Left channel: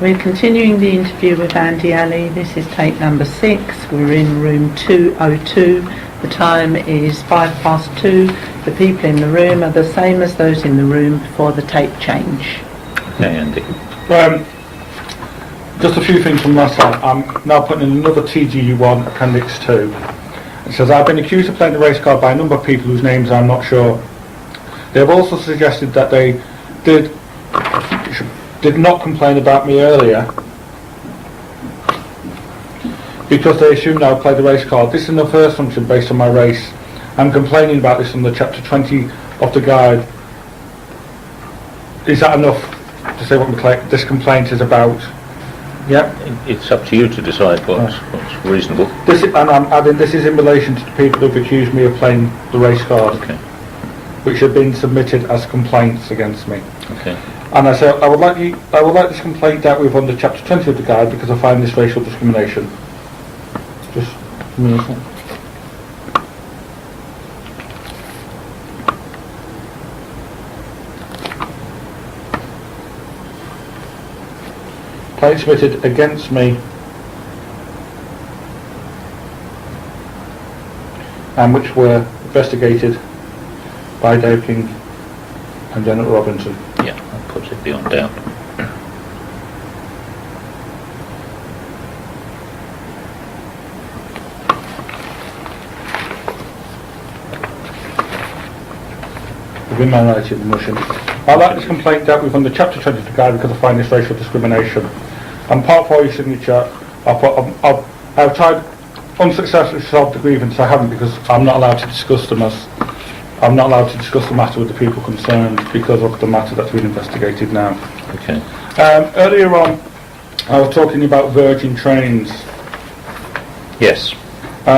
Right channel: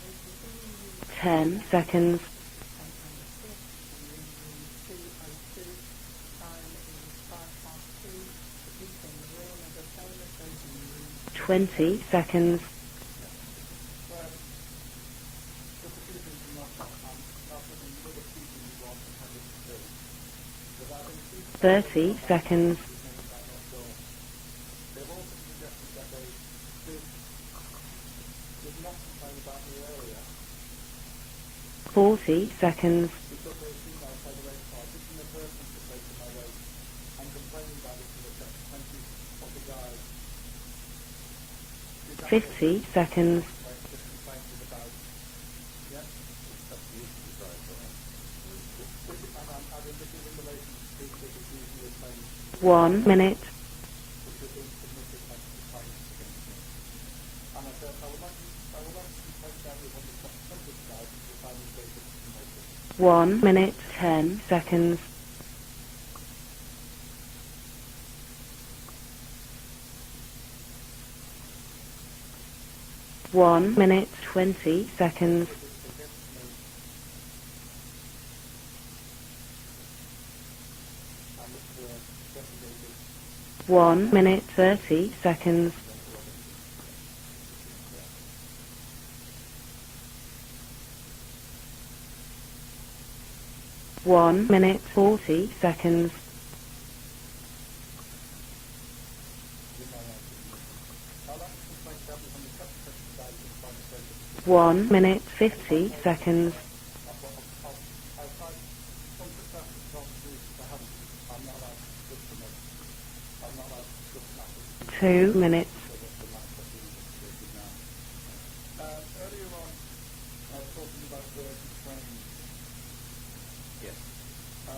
We're continuing the interview with Andy Alley. This is tape number 6. We're in room 202. The time is 2:05. The people in the room are the same as those in the room before the tape change. Okay, Andy. Just a few things from last time. I'm now putting in another TGU1 Appendix 2. It says, I've been accused of playing the race card by a number of people whose names I'm not sure. They have also suggested that they did not complain about me earlier 40 seconds. because they assumed I would play the race card. This is the first function based on my race. I'm complaining about this on the chapter 20 of the guide. Is that enough to say what this complaint is about? Yeah. It's up to you to decide what's reasonable. This is, and I'm adding this is in relation to the people who've accused me of playing the race card, Okay. which have been submitted as complaints against me. Okay. And I say I would like this complaint dealt with under chapter 20 of the guide because I find this racial discrimination. 1 minute, Just 10 seconds. 1 minute, 20 seconds. Complaint submitted against me and which were investigated 1 by minute, Dave King 30 seconds. and Janet Robinson. Yeah, that puts it beyond doubt. 1 minute, 40 seconds. Within my rights in the motion. I like this complaint dealt with under chapter 20 of the guide because I find this racial discrimination. 1 minute, 50 And part 4 of your seconds. signature, I've tried unsuccessfully to solve the grievance. I haven't because I'm not allowed to discuss them as I'm not allowed to discuss the matter with the people concerned because of the matter that's been investigated now. Okay. Earlier on, I was talking about Virgin trains. Yes. 2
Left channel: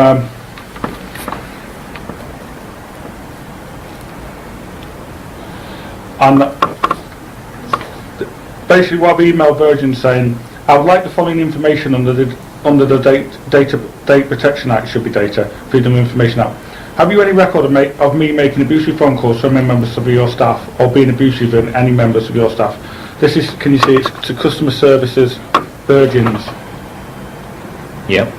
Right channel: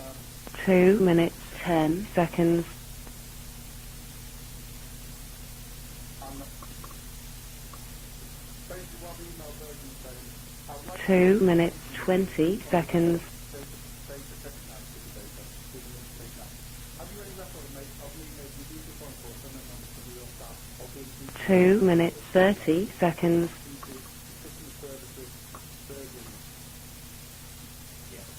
minutes, 10 seconds. And basically what I've emailed Virgin saying, I would like the following information under the Data Protection Act, should be Data Freedom of Information Act. Have you any record of me making abusive phone calls to any members of your staff or being abusive of any members of your staff? This is, can you see, it's to customer services, Virgins. Yep.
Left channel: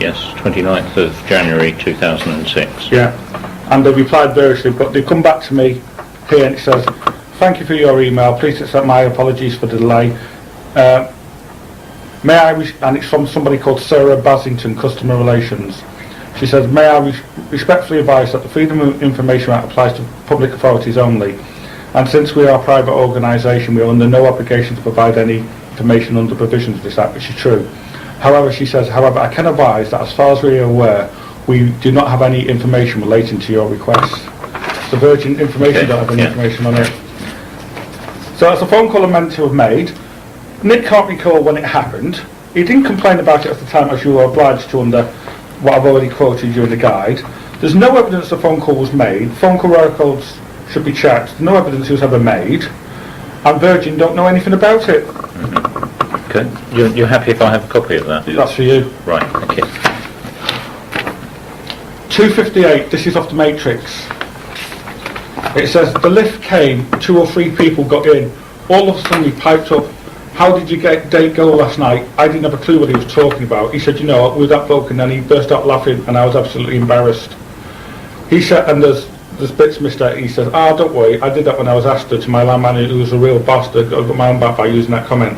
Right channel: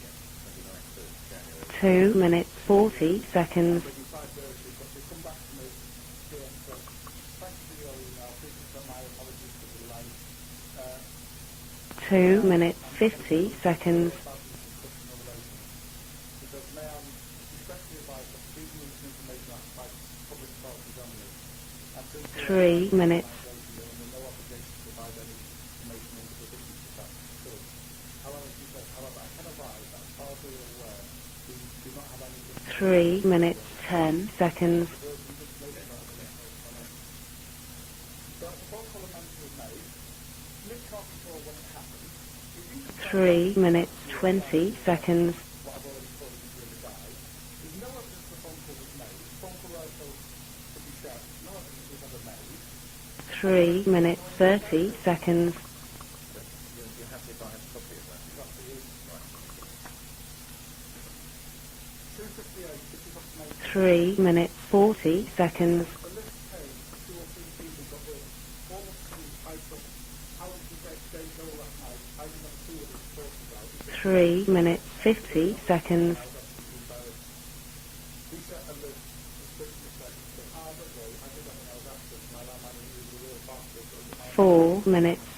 Yes, 29th of January 2006. Yeah. And they replied variously, but they come back to me here and it says, thank you for your email, please accept my apologies for the delay. May I, and it's from somebody called Sarah Basington, Customer Relations. She says, may I respectfully advise that the Freedom of Information Act applies to public authorities only, and since we are a private organisation, we are under no obligation to provide any information under provisions of this Act, which is true. However, she says, however, I can advise that as far as we are aware, we do not have any information relating to your request. The Virgin information don't have any information on it. So that's a phone call I meant to have made. Nick can't recall when it happened. He didn't complain about it at the time, as you were obliged to under what I've already quoted you in the guide. There's no evidence the phone call was made. Phone call records should be checked. There's no evidence it was ever made. And Virgin don't know anything about it. Okay. You're happy if I have a copy of that? That's for you. Right, okay. 258, this is off the matrix. 3 minutes, 40 seconds. It says, the lift came, 2 or 3 people got in. All of a sudden he piped up, how did you date go last night? I didn't have a clue what he was talking about. He said, you know, with that bloke, and then he burst out laughing and I was absolutely embarrassed. He said, and there's bits missed out, he says, don't worry, I did that when I was asked to my landman who was a real bastard. I got my own back by using that comment.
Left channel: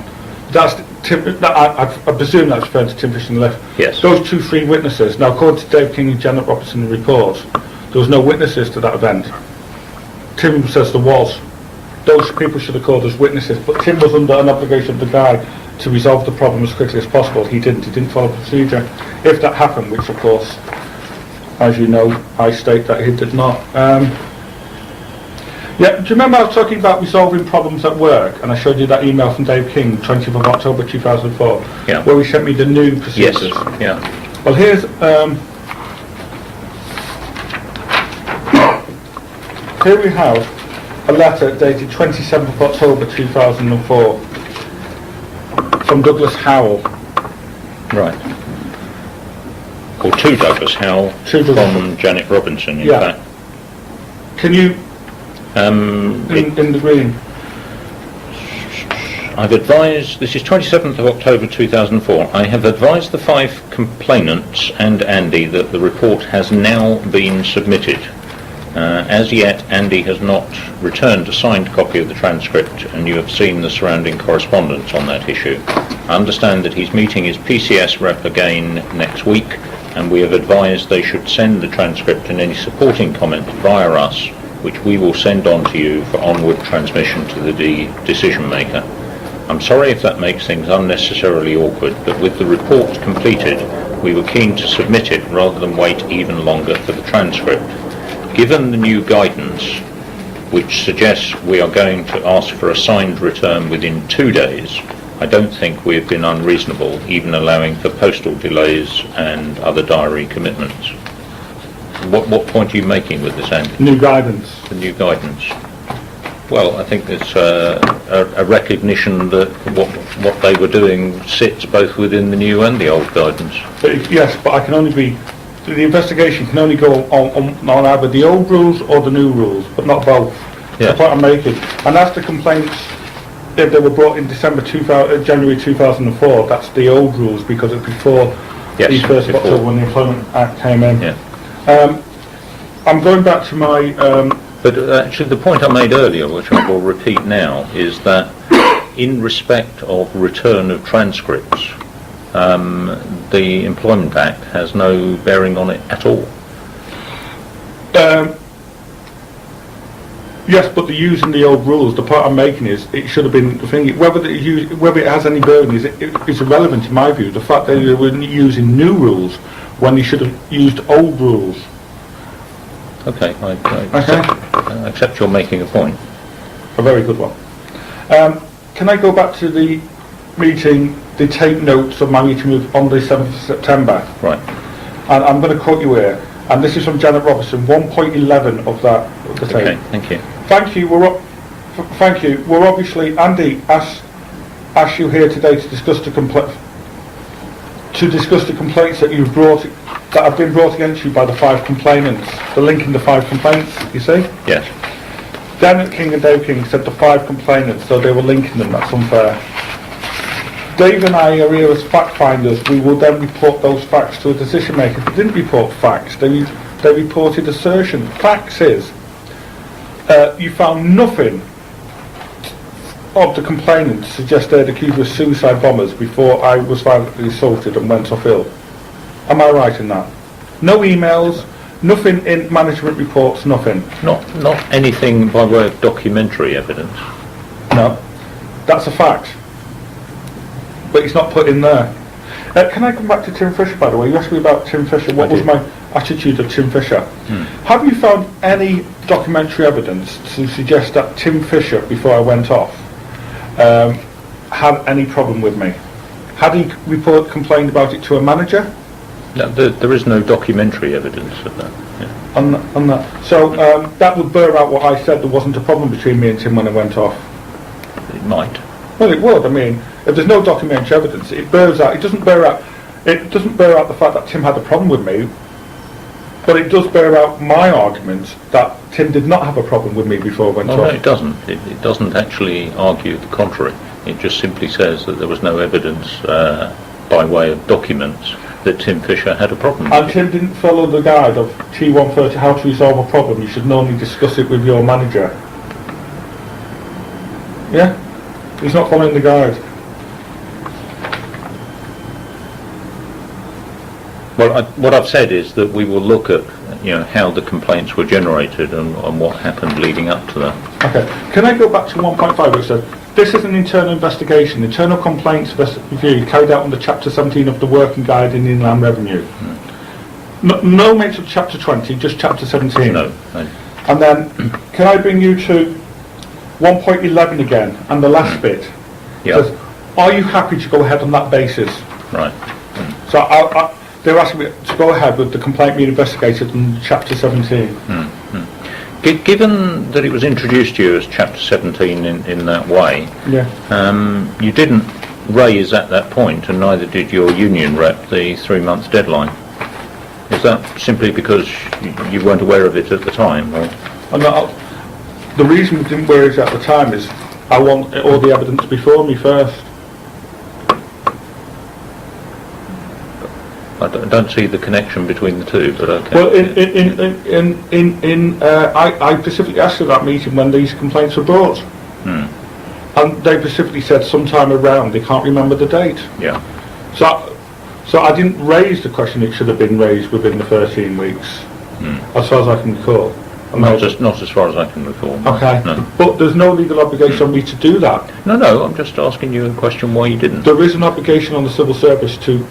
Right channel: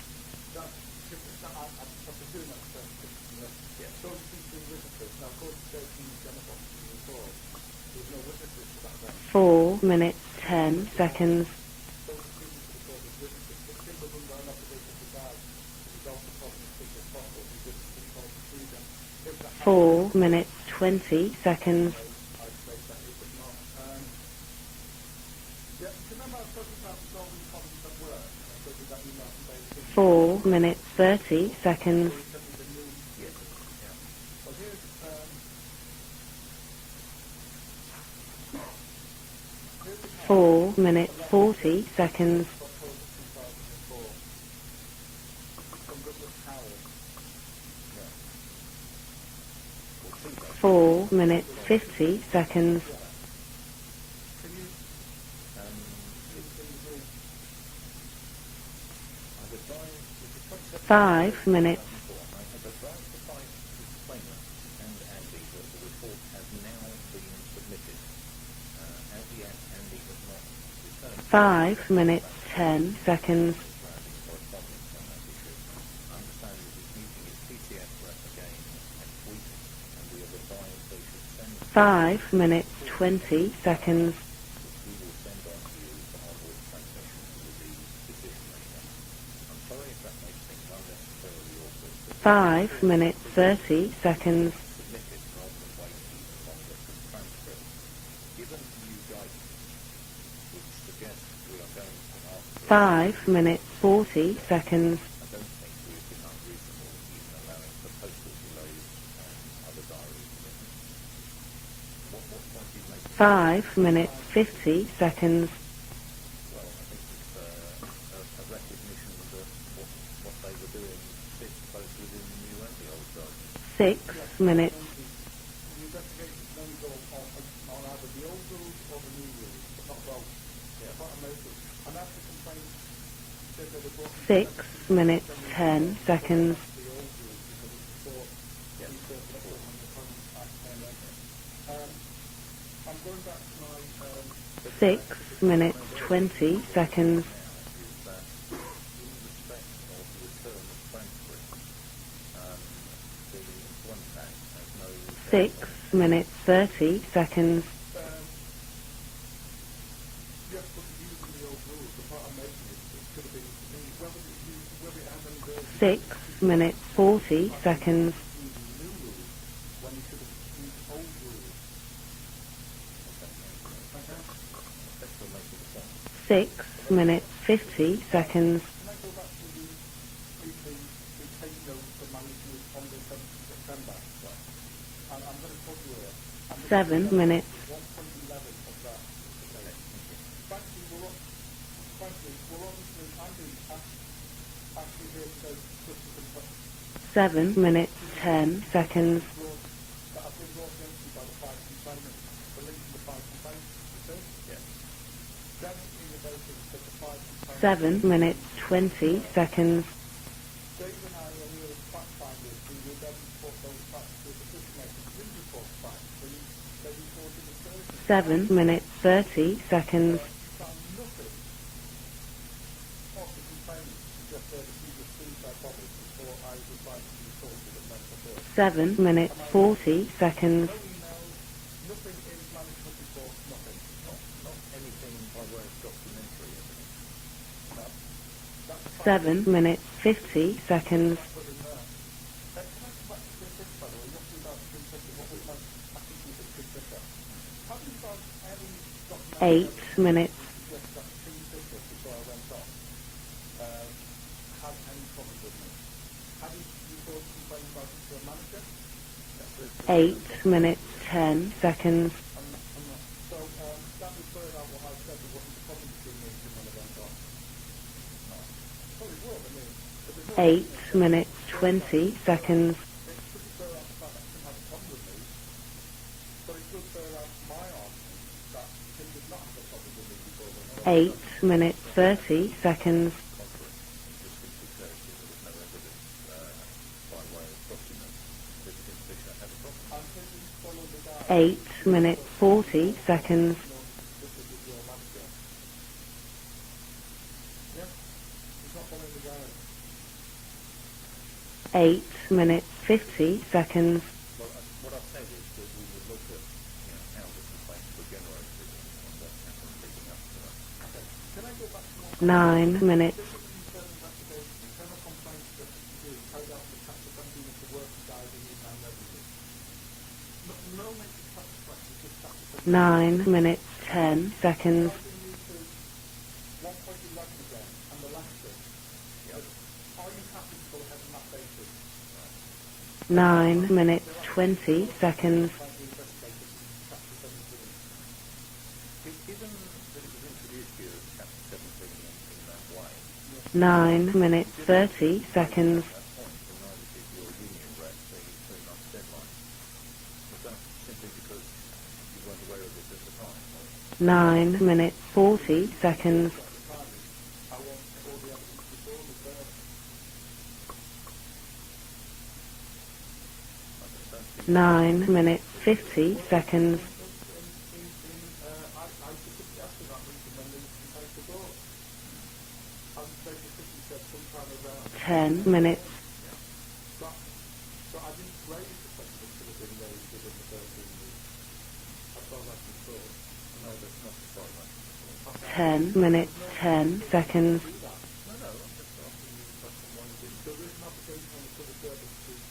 That's I presume that's referring to Tim Fish and the lift. Yes. Those 2-3 witnesses. Now, according to Dave King and Janet Robertson report, there was no witnesses to that event. 4 minutes. Tim says there was. Those people should have called as witnesses, but Tim was under an obligation of the guy to resolve the problem as quickly as possible. He didn't follow procedure. If that happened, which of course, as you know, I state that he did not. Yeah, do you remember I was talking about resolving problems at work, and I showed you that email from Dave King, 20th of October 2004, Yeah. where he sent me the new procedures. Yes, yeah. Well, here's here we have a letter dated 27th of October 2004 from Douglas Howell. Right. Or to Douglas Howell from Janet Robinson, in fact. Can you, in the green? I've advised, this is 27th of 5 October minutes. 2004, I have advised the 5 complainants and Andy that the report has now been submitted. As yet, Andy has not returned a signed 5 copy of the minutes, transcript, 10 and you have seconds. seen the surrounding correspondence on that issue. I understand that he's meeting his PCS rep again next week, and we have advised they should send the transcript and any supporting comment via us, which we will send on to you for onward transmission to the decision maker. I'm sorry if that makes things unnecessarily awkward, but with the report completed, we were keen to submit it rather than wait even longer for the transcript. Given the new guidance, which suggests we are going to ask for a signed return within 2 days, I don't think we have been unreasonable, even allowing for postal delays and other diary commitments. What point are you making with this, Andy? New guidance. The new guidance? Well, I think there's a recognition that what they were doing sits both within the new and the old guidance. Yes, but I can only be, the investigation can only go on either the old rules or the new rules, but not both. Yeah. That's what I'm making. And as the complaints, if they were brought in January 2004, that's the old rules because it's before Yes, the 1st of before. October when the Employment Act came in. Yeah. I'm going back to my, But actually the point I made earlier, which I will repeat now, is that in respect of return of transcripts, the Employment Act has no bearing on it at all. 30 seconds. yes, but they're using the old rules. The point I'm making is it should have been the thing. Whether it has any bearing is irrelevant in my view. The fact that they were using new rules when they should have used old rules. Okay, I accept you're making a point. 6 A very good one. 50 seconds. Can I go back to the meeting, the tape notes of my meeting on the 7th of September? Right. And I'm going to quote you here. And this is from Janet Robertson, 1.11 of that of the tape. Okay, thank you. Thank you. Thank you. We're obviously, Andy asked you here today to discuss the 7 minutes. to discuss the complaints that you've brought, that have been brought against you by the 5 complainants. The link in the 5 complaints, you see? Yes. Janet King and Dave King said the 5 complainants, so they were linking them. That's unfair. Seconds. Dave and I are here as fact finders. We will then report those facts to a decision maker. They didn't report facts. They reported assertion. 7 Facts minutes, is 30 seconds. you found nothing of the complainants to suggest they'd accused of suicide bombers before I was violently assaulted and went off ill. 7 minutes. Am I right in that? 40 seconds. No emails, nothing in management reports, nothing. Not anything by way of documentary evidence. No. That's a fact. 7 minutes, 50 seconds. But it's not put in there. Can I come back to Tim Fisher, by the way? You asked me about Tim Fisher. What I was did. my attitude of Tim Fisher? Have you found any documentary 8 evidence minutes. to suggest that Tim Fisher, before I went off, had any problem with me? Had he complained about it to a manager? No, there is no documentary evidence of that. Seconds. Yeah. On that. So that would bear out what I said. There wasn't a problem between me and Tim when I went off. It might. Well, it would. I mean, if there's no documentary evidence, it bears out. It doesn't bear out. It doesn't bear out the fact that Tim had a problem with me, but it does bear out my argument that Tim did not have a problem with me before I went No, off. it doesn't. It doesn't actually argue the contrary. It just simply says that there was no evidence by way of documents that Tim Fisher had a problem And with. Tim didn't follow the guide of T130, how to resolve a problem. You should normally discuss it with your manager. Yeah? He's not following the guide. 8 minutes, 50 seconds. Well, what I've said is that we will look at, how the complaints were generated and what happened leading up to that. Okay. Can I go back to 1.5 which said, minutes. this is an internal investigation. Internal complaints review carried out under Chapter 17 of the Working Guide in Inland Revenue. No mention of Chapter 20, just Chapter 17. No. 9 minutes. And then, Seconds. can I bring you to 1.11 again, and the last bit? Yeah. Says, are you happy to go ahead on that basis? Right. So 9 minutes. they're asking me to go ahead with the complaint being investigated in Chapter 17. Given that it was introduced to you as Chapter 17 in that way, Yeah. 9 minutes, you didn't 30 raise at that point, and neither did your union rep, the 3-month deadline. Is that simply because you weren't aware of it at the time? Or? 9 not- minutes, 40 The reason we didn't seconds. raise it at the time is I want all the evidence before me first. I don't see the connection between the two, but okay. Well, I specifically asked for that meeting when these complaints were brought. Hmm. And they specifically said sometime around, they can't remember the date. Yeah. So I didn't raise the question, it should have been raised within the 13 weeks, as far as I can recall. Not as far as I can recall. Okay, No. but there's no legal obligation on me to do that. No, I'm just asking you a question why you didn't. There is an obligation on the civil service to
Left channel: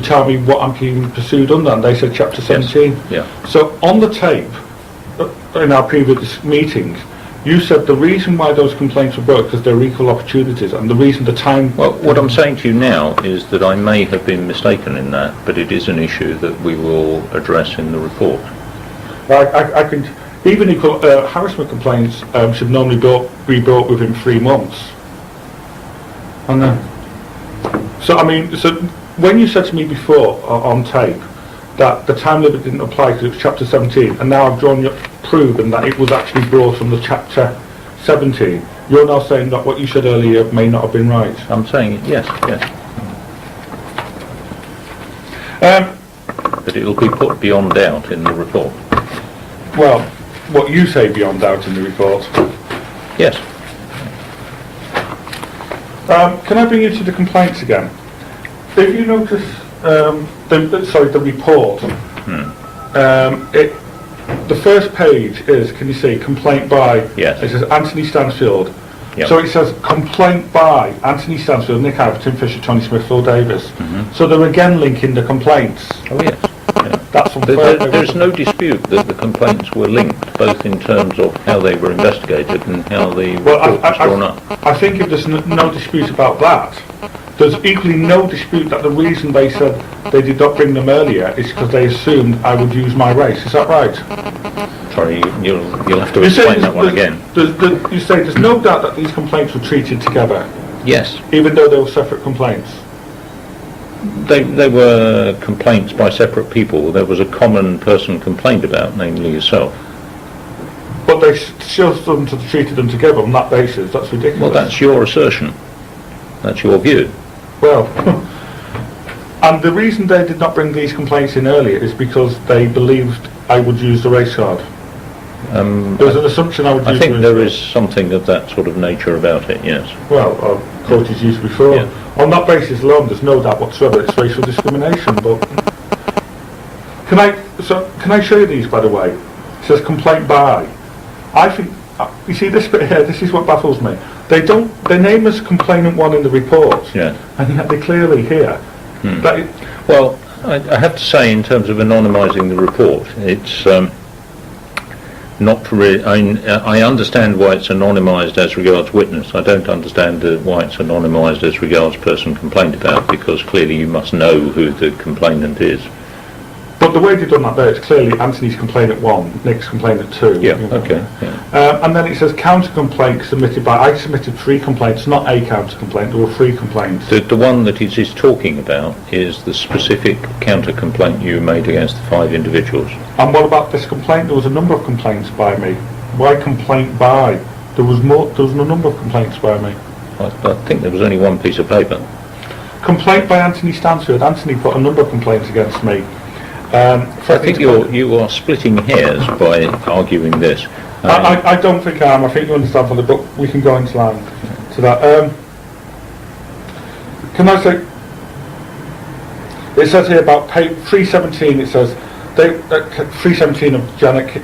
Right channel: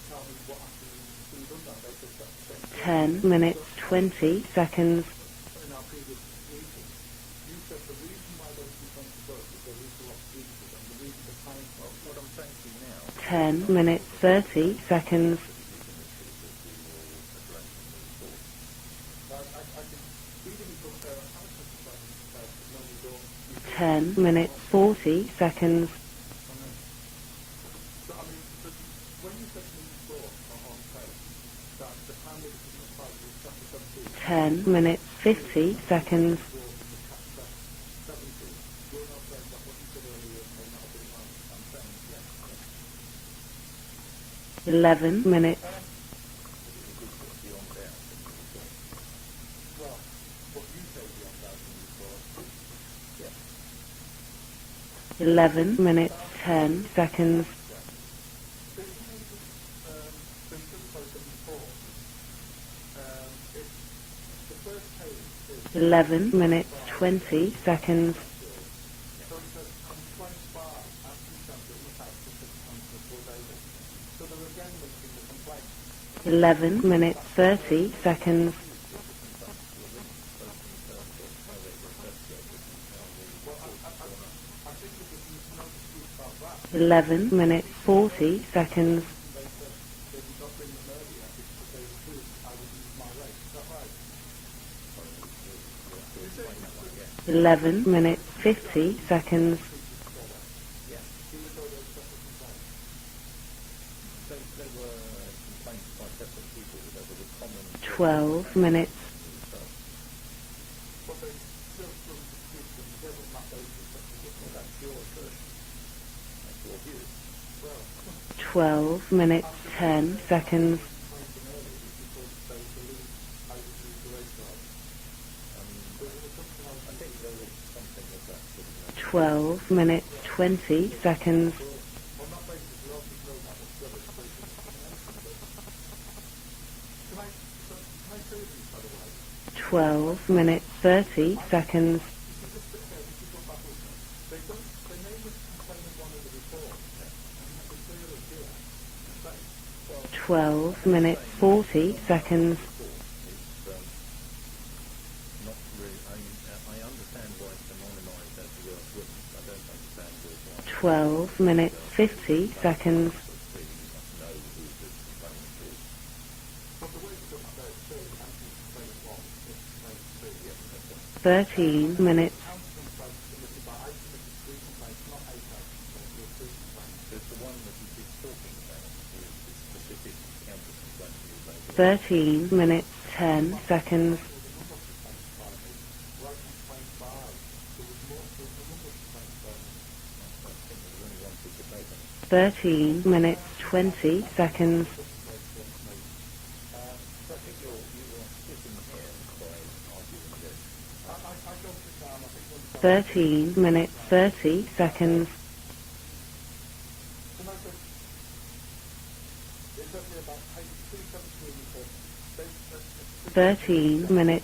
tell me what I'm being pursued under, and they said chapter 17. Yeah. So on the tape, Seconds. in our previous meetings, you said the reason why those complaints were brought because they're equal opportunities, and the reason the time... Well, what I'm saying to you now is that I may have been mistaken in that, but it is an issue that we will address in the report. I can... Even equal harassment complaints should normally be brought within 3 months. 40 seconds. I know. So, I mean, so when you said to me before on tape that the time limit didn't apply because it was chapter 17, and now I've proven that it was actually brought from the chapter 17, you're now saying that what you said earlier may not have been right. I'm saying yes. 11 minutes. But it will be put beyond doubt in the report. Well, what you say beyond doubt in the report. Yes. 11 minutes. Can I bring you to the complaints again? If you notice, the report, the first page is, can you see, complaint by, Yes. it says Anthony Stansfield. Yep. So it says complaint by Anthony Stansfield, Nick Harris, Tim Fisher, Tony Smith, Phil Davis. So they're again linking the complaints. Oh, yeah. 11 minutes. That's what There's no dispute that the complaints were linked, both in terms of how they were investigated and how the report was drawn up. I think if there's no dispute about that, 11 there's equally no dispute that the reason they said they did not bring them earlier is because they assumed I would use my race. Is that right? Sorry, you'll have to You say explain that one again. You say there's no doubt that these complaints were treated together, Yes. even though they were separate complaints. They were complaints by separate people. There was a common person complained about, namely yourself. But they still treated them together on that basis. That's ridiculous. Well, that's your assertion. That's your view. Well, 12 minutes. and the reason they did not bring these complaints in earlier is because they believed I would use the race card. There was an assumption I would use I think the there race is something of that sort of nature about it, yes. card. Well, of course it's used before. Yeah. On that basis alone, there's no doubt whatsoever it's racial discrimination. But can I show you these, by the way? It says complaint by. 30 I think, seconds. you see this bit here, this is what baffles me. They name as complainant one in the report, Yeah. and yet they clearly here. That it, Well, I have to say, in terms of anonymising the report, it's not really... I understand why it's anonymised as regards witness. I don't understand why it's anonymised as regards person complained about, because clearly you must know who the complainant is. but the way they've done that there, it's clearly Anthony's complainant 1, Nick's complainant 2. Yeah, okay. Yeah. And then it says counter-complaint submitted by... I submitted 3 complaints, not a counter-complaint, there were 3 complaints. The one that it is talking about is the specific counter-complaint you made against the 5 individuals. And what about this complaint? There was a number of complaints by me. Why complaint by? There was a number of complaints by me. I think there was only one piece of paper. 30 Complaint by Anthony Stansfield. Anthony put a number of complaints against me. I think you are splitting hairs by arguing this. I don't think I am. I think you understand from the book. We can go into that. Can I say? It says here about page 317. It says 317 of Janet.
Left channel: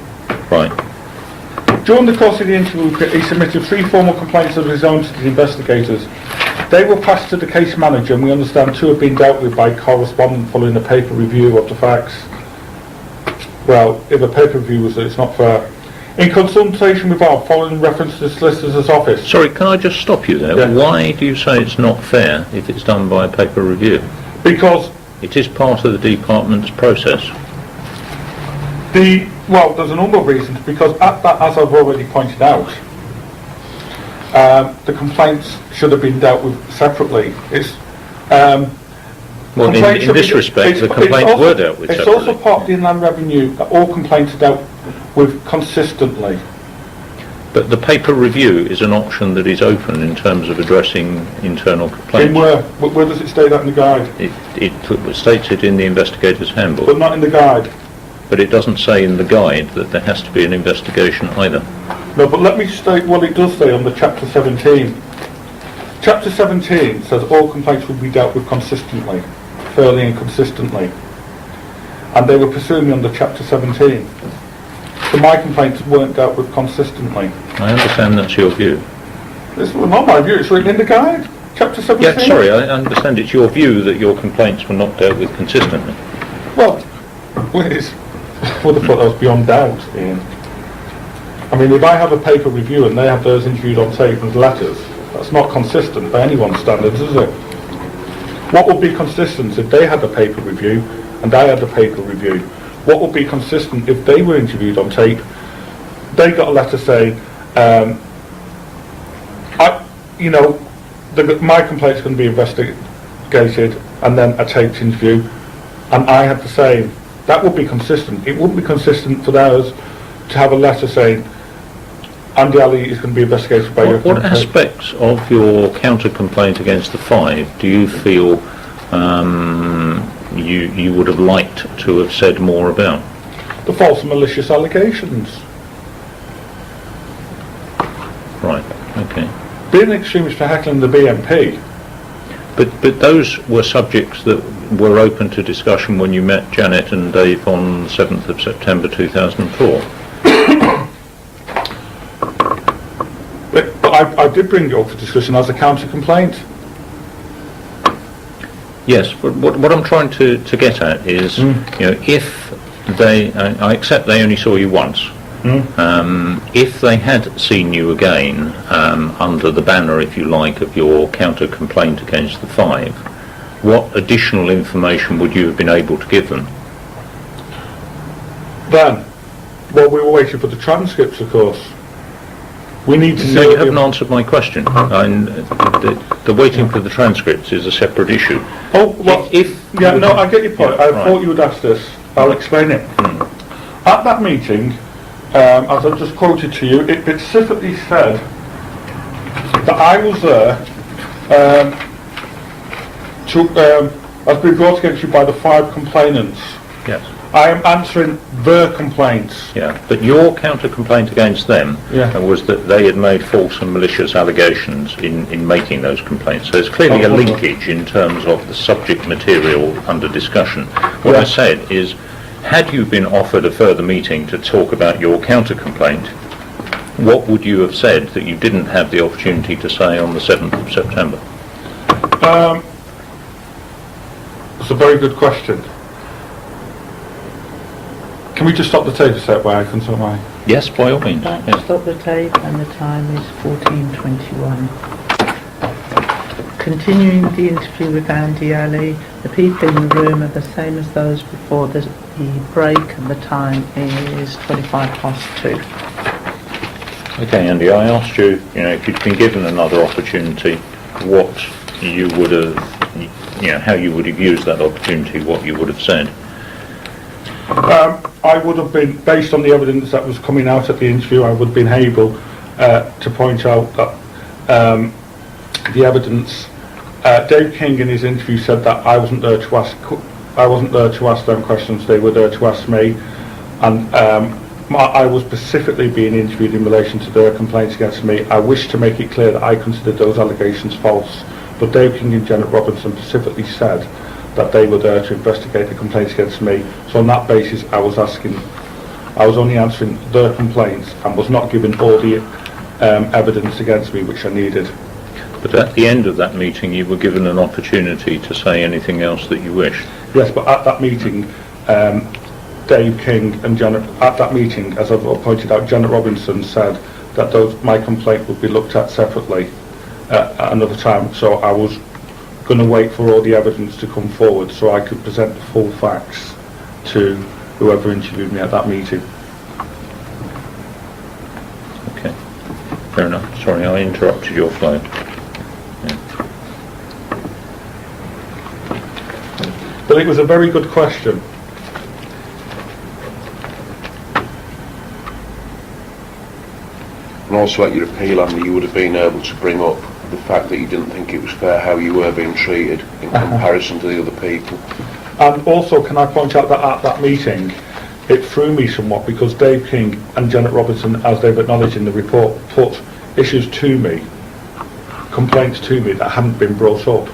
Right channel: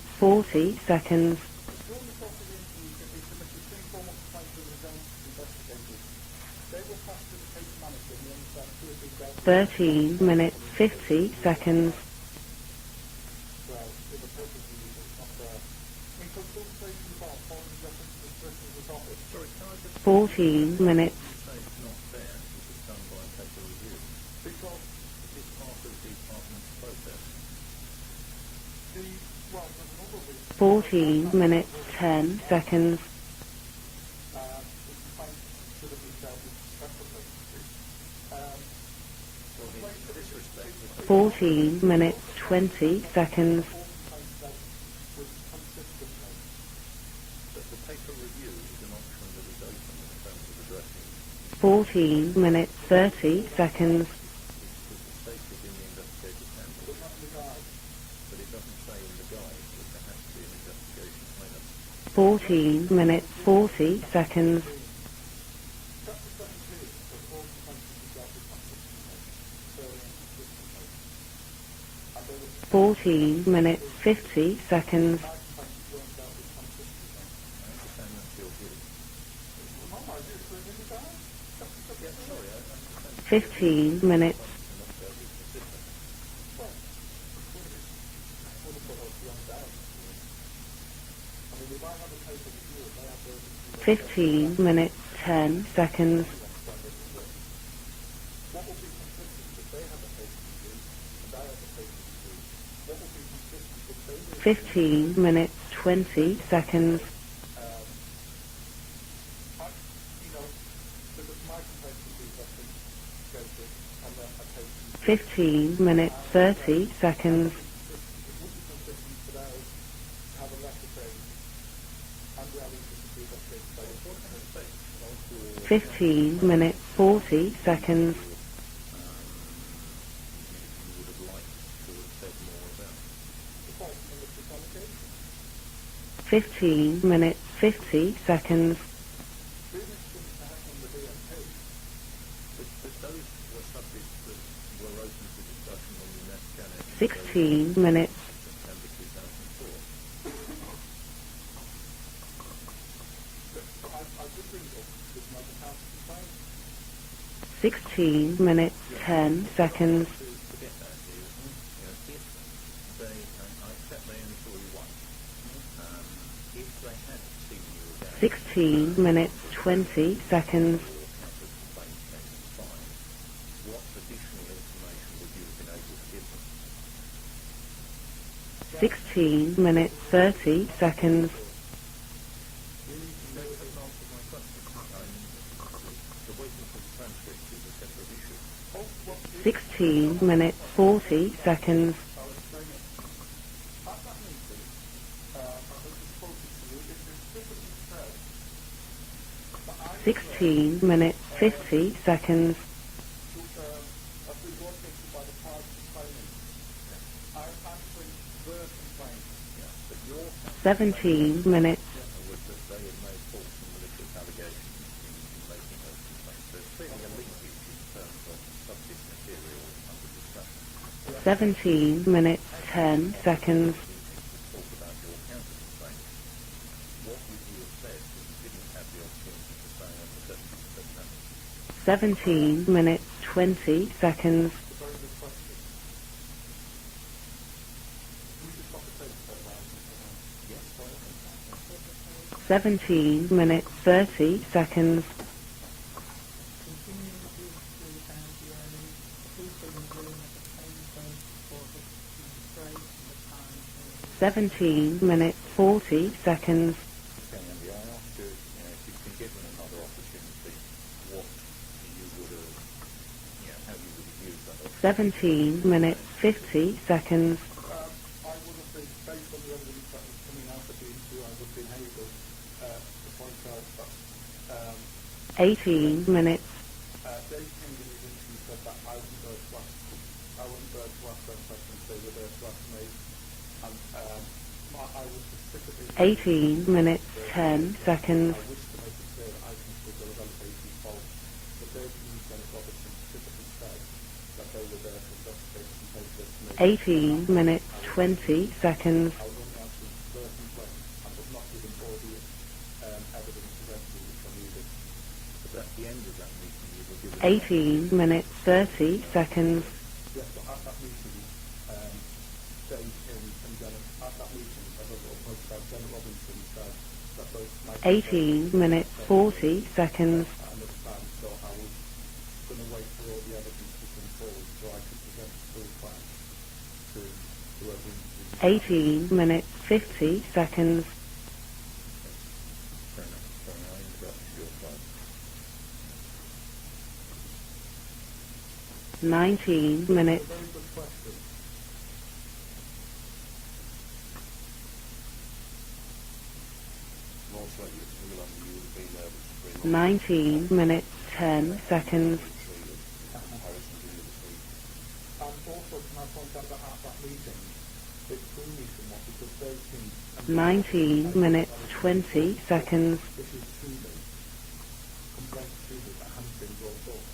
Right. Seconds. During the course of the interview, he submitted 3 formal complaints of his own to the investigators. They were passed to the case manager, and we understand 2 have been dealt with by correspondent following a paper review of the facts. Well, if a paper review was that it's not fair. In consultation with our following reference to the solicitor's office. Sorry, can I just stop you there? Yeah. Why do you say it's not fair if it's done by a paper review? Because It is part of the department's process. well, there's a number of reasons. Because as I've already pointed out, the complaints should have been dealt with separately. Well, in this respect, the complaints were dealt with It's separately. also part of the Inland Revenue that all complaints are dealt with consistently. But the paper review is an option that is open in terms of addressing internal In complaints. where does it state that in the guide? It states it in the investigator's handbook, But not in the guide. but it doesn't say in the guide that there has to be an investigation either. No, but let me state what it does say on the chapter 17. Chapter 17 says all complaints will be dealt with consistently, fairly and consistently. And they were pursuing me under chapter 17. 50 seconds. So my complaints weren't dealt with consistently. I understand that's your view. This was not my view, it's written in the guide. Chapter 17. Yeah, sorry, I understand it's your view that your complaints were not dealt with consistently. Well, please. I would have thought that was beyond doubt, Ian. I mean, if I have a paper review and they have theirs interviewed on tape with letters, that's not consistent by anyone's standards, is it? What would be consistent if they had a paper review and I had a paper review? What would be consistent if they were interviewed on tape, they got a letter saying, my complaint's going to be investigated, and then a taped interview, and I had the same. That would be consistent. It wouldn't be consistent for theirs to have a letter saying, Andy Ali is going to be investigated by your What aspects of your counter-complaint against the 5 do you feel you would have liked to have said more about? The false and malicious allegations. 15 minutes, 50 seconds. Right, okay. Being an extremist for heckling the BNP. But those were subjects that were open to discussion when you met Janet and Dave on 7th of September 2004. But I did bring it up for discussion as a counter-complaint. 16 minutes. Yes, but what I'm trying to get at is, if they, I accept they only saw you once. If they had seen you again under the banner, if you like, of your counter-complaint against the 5, what additional information would you have been able to give them? Then, well, we were waiting for the transcripts, of course. We need to see... No, you haven't answered my question. The waiting for the transcripts is a separate issue. Oh, well, I get your point. I thought you would ask this. I'll explain it. At that meeting, as I've just quoted to you, it specifically said that I was there has been brought against you by the 5 complainants. Yes. I am answering their complaints. Yeah, but your counter-complaint against them Yeah. was that they had made false and malicious allegations in making those complaints. So there's clearly a linkage in terms of the subject material under discussion. What I said is, had you been offered a further meeting to talk about your counter-complaint, what would you have said that you didn't have the opportunity to say on the 7th of September? 17 minutes, 20 seconds. It's a very good question. Can we just stop the tape a sec where I can sort my... Yes, by all means. Right, Yes. stop the tape, and the time is 17 minutes, 30 14:21. seconds. Continuing the interview with Andy Ali, the people in the room are the same as those before the break, and the time is 25 past 2. 40 seconds. Okay, Andy, I asked you, if you'd been given another opportunity, what you would have, how you would have used that opportunity, what you would have said. 50 seconds. I would have been, based on the evidence that was coming out at the interview, I would have been able to point out that 80 the evidence. Dave King in his interview said that I wasn't there to ask them questions. They were there to ask me, and I was specifically being interviewed in relation to their complaints against me. I wish to make it clear that I considered those allegations false, but Dave King and Janet Robinson specifically said that they were there to investigate the complaints against me. So on that basis, I was only answering their complaints and was not given all the evidence against me which I needed. But at the end of that meeting, you were given an opportunity to say anything else that you wished. Yes, but at that meeting, Dave King and Janet, at that meeting, as I've pointed out, Janet Robinson said that my complaint would be looked at separately at another time. So I was going to wait for all the evidence to come forward so I could present the full facts to whoever interviewed me at that meeting. Minutes, 50 seconds. Okay, fair enough. Sorry, I interrupted your flow. 19. But it was a very good question. And also at your appeal, Andy, you would have been able to bring up the fact that you didn't think it was fair how you were being treated in comparison to the other people. And also, can I point out that at that meeting, it threw me somewhat because Dave King and Janet Robertson, as they've acknowledged in the report, put issues to me, complaints to me that hadn't been brought up.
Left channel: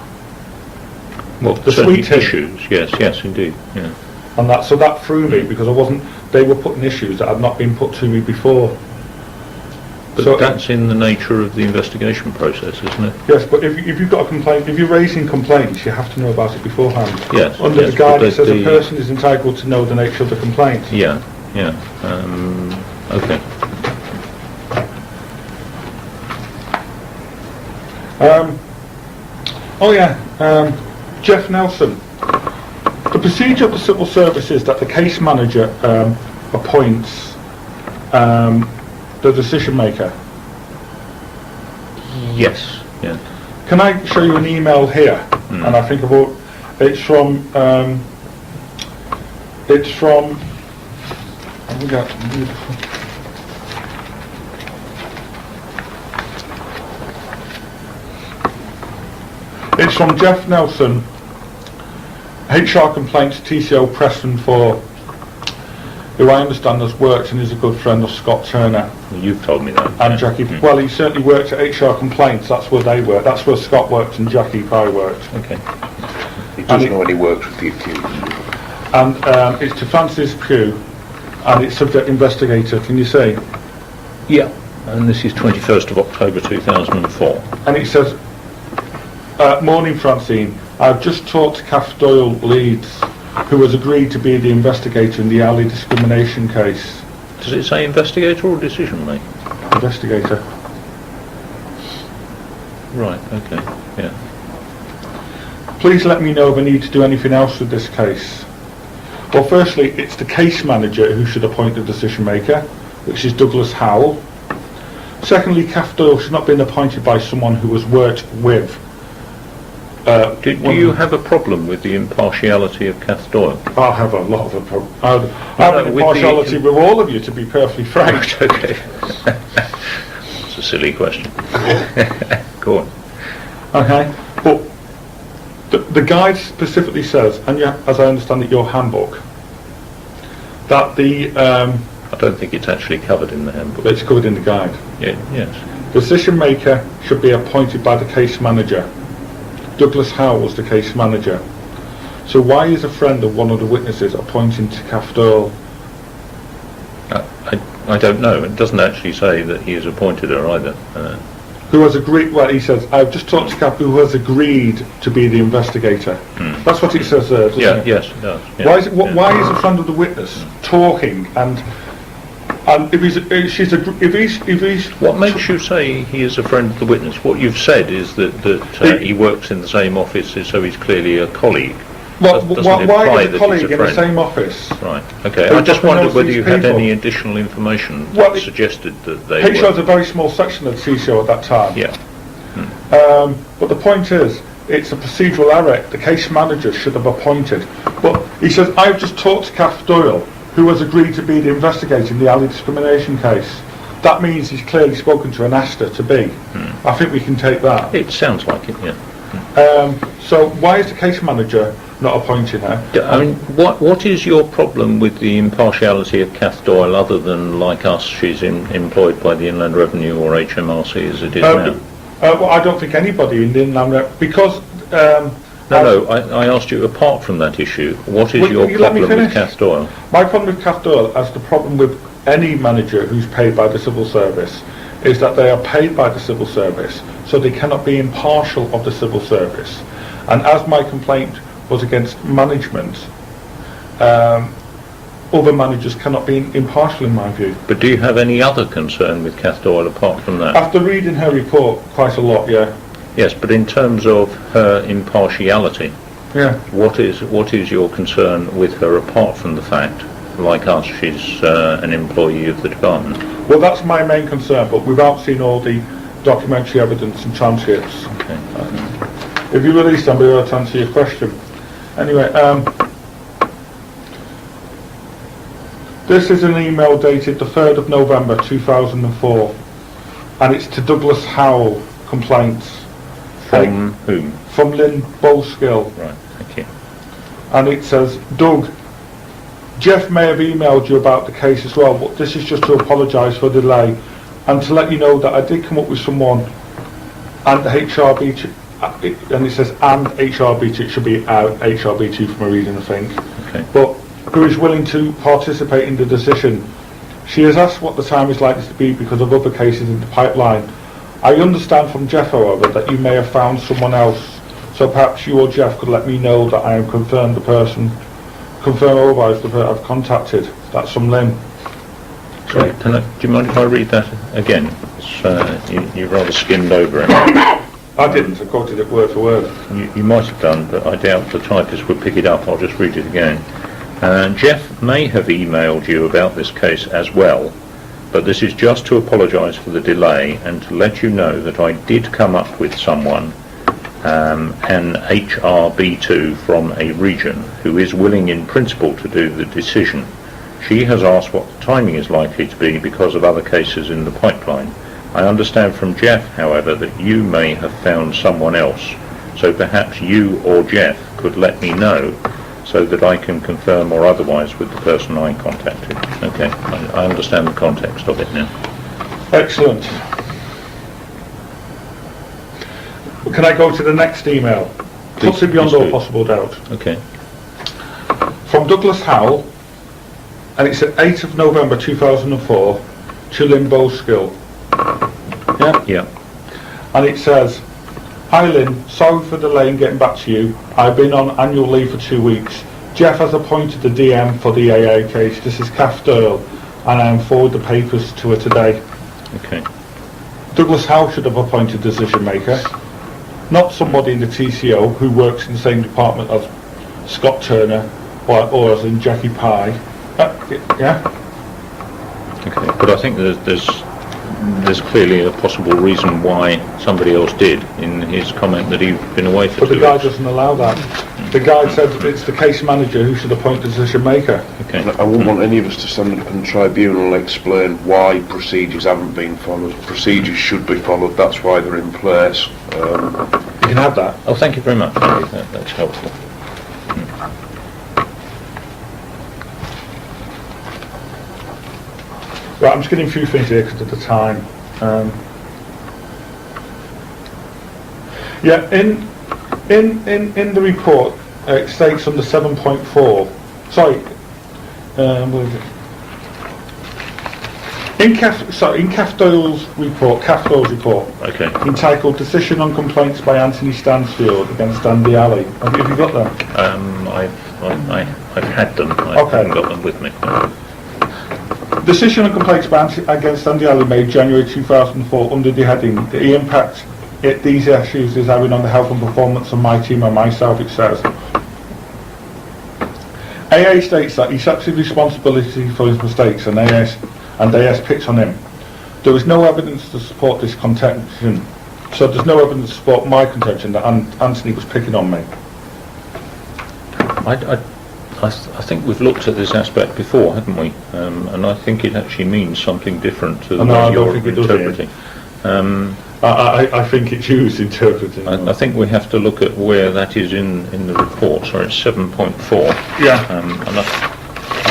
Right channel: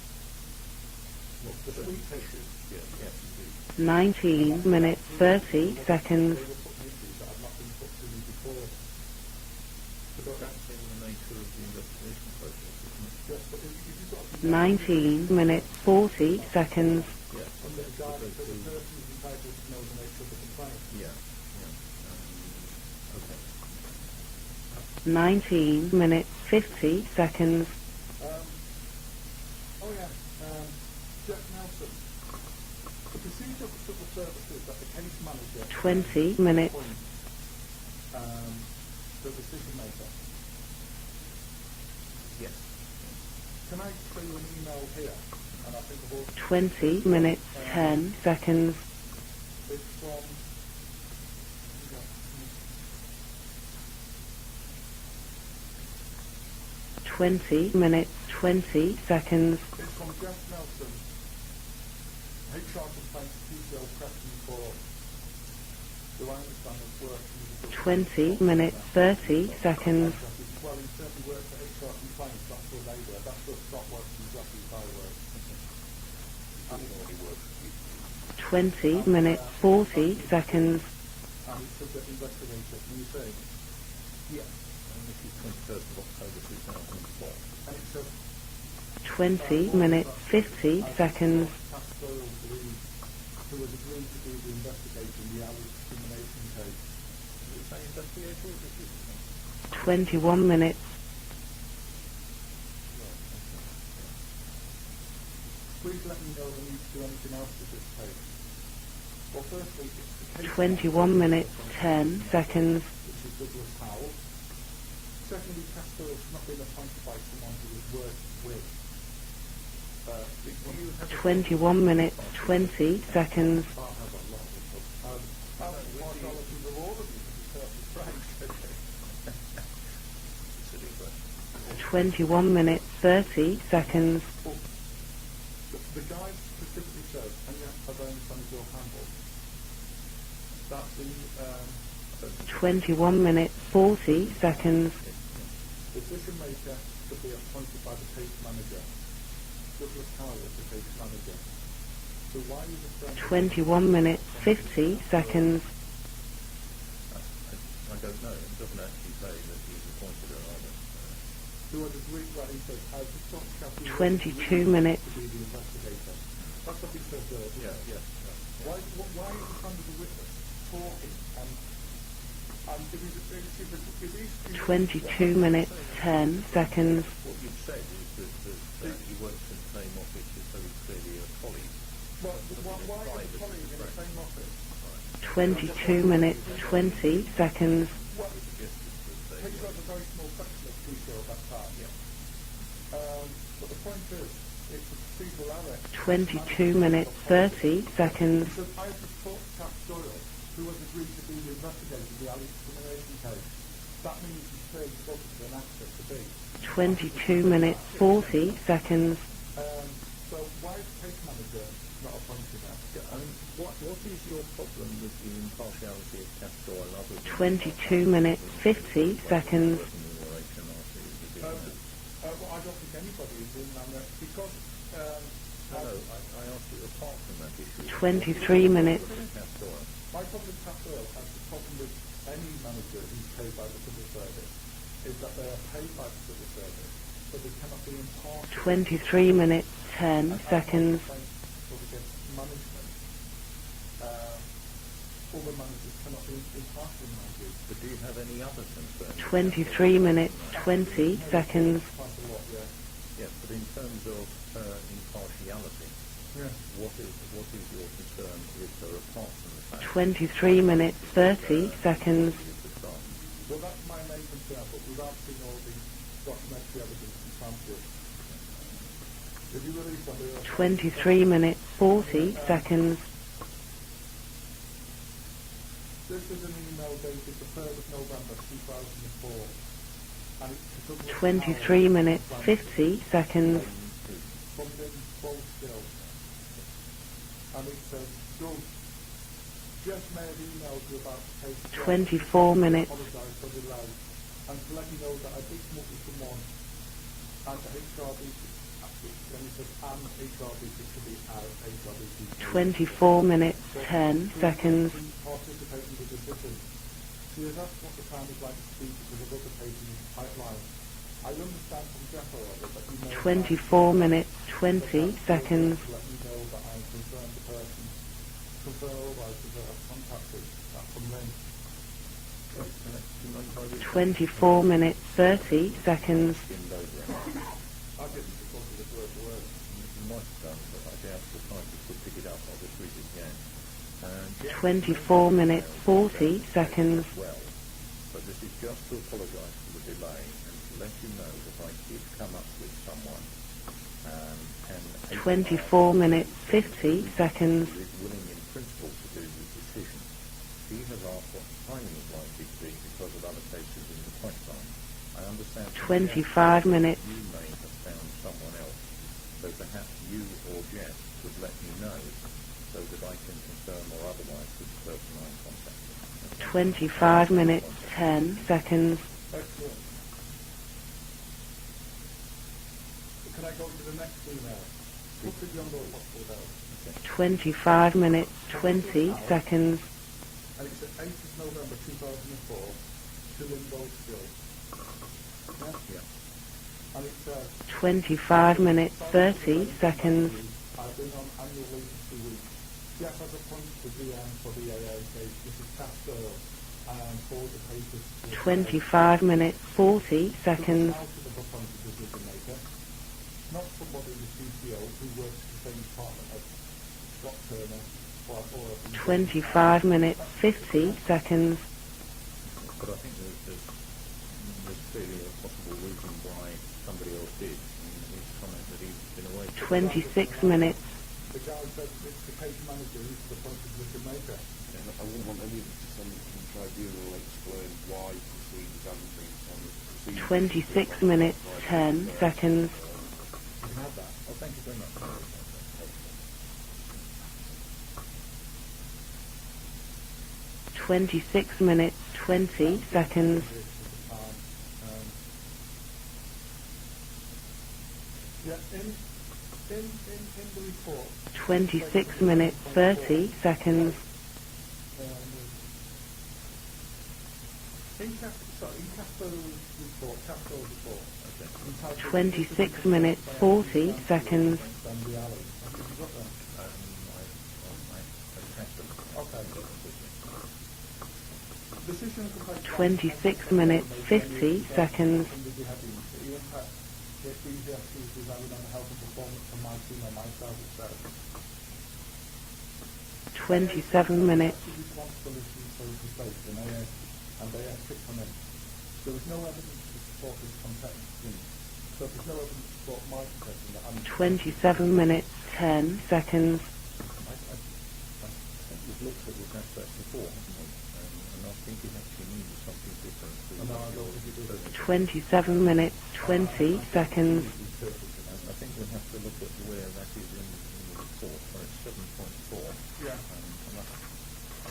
Well, The certain sweet tea. issues, yes, indeed. Yeah. And that, so that threw me because I wasn't, they were putting issues that had not been put to me before. But So- that's in the nature of the investigation process, isn't it? Yes, but if you've got a complaint, if you're raising complaints, you have to know about it beforehand. Yes. Under yes, the guide, but it says a the- person is entitled to know the nature of the complaint. Yeah. Okay. 19 minutes 50 seconds. Jeff Nelson. The procedure of the civil service is that the case manager appoints the decision maker. Yes. Yeah. Can I show you an email here? And I think about it's from Seconds. it's from oh, we got 20 minutes 20 seconds. it's from Jeff Nelson, HR complaints TCO Preston 4, who I understand has worked and is a good friend of Scott Turner You've told me that. and Jackie. Well, he certainly worked at HR complaints. That's where they worked. That's where Scott worked and Jackie Pye worked. Okay. He doesn't know any works with the accused. And it's to Francis Pugh, and it's subject investigator. Can you see? Yeah. And this is 21st of October 2004. And it says, morning Francine, I've just talked to Kath Doyle Leeds, who has agreed to be the investigator in the alley discrimination case. Does it say investigator or decision maker? Investigator. Right. Okay. Yeah. Please let me know if I need to do anything else with this case. Well, firstly, it's the case manager who should appoint the decision maker, which is Douglas Howell. Secondly, Kath Doyle should not have been appointed by someone who has worked with. Do you have a problem with the impartiality of Kath Doyle? I have a lot of a problem. I have an with impartiality with all of you, to be perfectly frank. Okay. It's a silly question. Go on. Okay, but the guide specifically says, and as I understand it, your handbook, that the I don't think it's actually covered in the handbook. it's good in the guide. Yeah, yes. Decision maker should be appointed by the case manager. Douglas Howe was the case manager. So why is a friend of one of the witnesses appointing to Kath Doyle? I don't know. It doesn't actually say that he has appointed her either. Who has agreed? Well, he says, I've just talked to Kath, who has agreed to be the investigator. That's what it says there, doesn't it? Yes, it does. Yeah, Why is it? yeah. Why is a friend of the witness talking and if he's What makes you say he is a friend of the witness? What you've said is that he works in the same office, so he's clearly a colleague. Well, Doesn't why imply is that a colleague he's a in the friend. same office? Right. Okay. Who I just doesn't wondered know whether these you had people? any additional information Well, that suggested that they HR is were. a very small section of the TCO at that time. Yeah. But the point is, it's a procedural error. The case manager should have appointed. But he says, I've just talked to Kath Doyle, who has agreed to be the investigator in the alley discrimination case. That means he's clearly spoken to and asked her to be. I think we can take that. It sounds like it. Yeah. So why is the case manager not appointing her? I mean, what is your problem with the impartiality of Kath Doyle, other than, like us, she's employed by the Inland Revenue or HMRC as it is now? Well, I don't think anybody in the Inland because. No, I asked you, apart from that issue, what is your you let me problem with finish? Kath Doyle? My problem with Kath Doyle, as the problem with any manager who's paid by the civil service, is that they are paid by the civil service, so they cannot be impartial of the civil service. And as my complaint was against management, other managers cannot be impartial in my view. But do you have any other concern with Kath Doyle apart from that? After reading her report quite a lot, yeah. Yes, but in terms of her impartiality, Yeah. what is your concern with her apart from the fact, like us, she's an employee of the department? Well, that's my main concern, but without seeing all the documentary evidence and transcripts. Okay. If you release them, we'll be able to answer your question. Anyway, this is an email dated the 3rd of November 2004 and it's to Douglas Howell 23 minutes, complaints 50 seconds. From whom? from Lynn Bowskill, Right, thank you. and it says, Doug, Jeff may have emailed you about the case as well, but this is just to apologise for the delay and to let you know that I did come up with someone and the HRB, and it says and HRB2, it should be HRB2 from a reading of 24 things, minutes, Okay. but 10. who is willing to participate in the decision. She has asked what the time is likely to be because of other cases in the pipeline. I understand from Jeff, however, that you may have found someone else, so perhaps you or Jeff could let me know that I am confirm otherwise the person I've contacted. That's from Lynn. Sorry, do you mind if I read that 24 again? minutes, It's, 30 you rather skimmed over it. I didn't, I quoted it word for word. You might have done, but I doubt the typist would pick it up. I'll just read it again. Jeff may have emailed you about this case as well, but this is just to apologise for the delay and to let you know that I did come up with someone, an HRB2 from a region, who is willing in principle to do the decision. She has asked what the timing is likely to be because of other cases in the pipeline. I understand from Jeff, however, that you may have found someone else, so perhaps you or Jeff could let me know so that I can confirm or otherwise with the person I contacted. Okay, I understand the context of it now. Excellent. Can I go to the next email? Puts it beyond please all do. possible doubt. Okay. 25 minutes. From Douglas 20 Howell. seconds. And it's at 8th of November 2004 to Lynn Bowskill. Yeah? Yeah. And it says, 25 Hi Lynn, minutes, sorry for 30 delaying getting back to seconds. you. I've been on annual leave for 2 weeks. Jeff has appointed the DM for the AA case. This is Kath Doyle, and I am forward the papers to her today. 5 minutes, Okay. 40 seconds. Douglas Howell should have appointed decision maker, not somebody in the TCO who works in the same department as Scott Turner or as in Jackie Pye. 5 minutes, Uh, 50 yeah? seconds. Okay. But I think there's clearly a possible reason why somebody else did in his comment that he'd been away for But the 2 guy weeks. doesn't allow that. The guy said it's the case manager who should appoint the decision maker. Okay. I wouldn't want any of us to stand up in the tribunal and explain why procedures haven't been followed. Procedures should be followed, that's why they're in place. You can have that. Oh, thank you very much, Andy. That's helpful. 26 minutes, 20 Right, I'm just getting a few things here because of the time. Yeah, in the report, it states under 7.4. Sorry, where is it? In Kath Doyle's report, Okay. entitled "Decision on Complaints by Anthony Stansfield against Andy Alley." Have you got that? I've had them. I Okay. haven't got them with me. Decision on complaints against Andy Alley made January 2004 under the heading "The impact these issues is having on the health and performance of my team and myself," it says. AA states that he accepts responsibility for his mistakes and AS picks on him. There is no evidence to support this contention. So there's no evidence to support my contention that Anthony was picking on me. 10 seconds. I think we've looked at this aspect before, haven't we? And I think it actually means something different to the No, I way don't you're think it does, interpreting. 27 minutes. I think it's used interpreting. I think we have to look at where that is in the report. Sorry, it's 7.4. Yeah. And I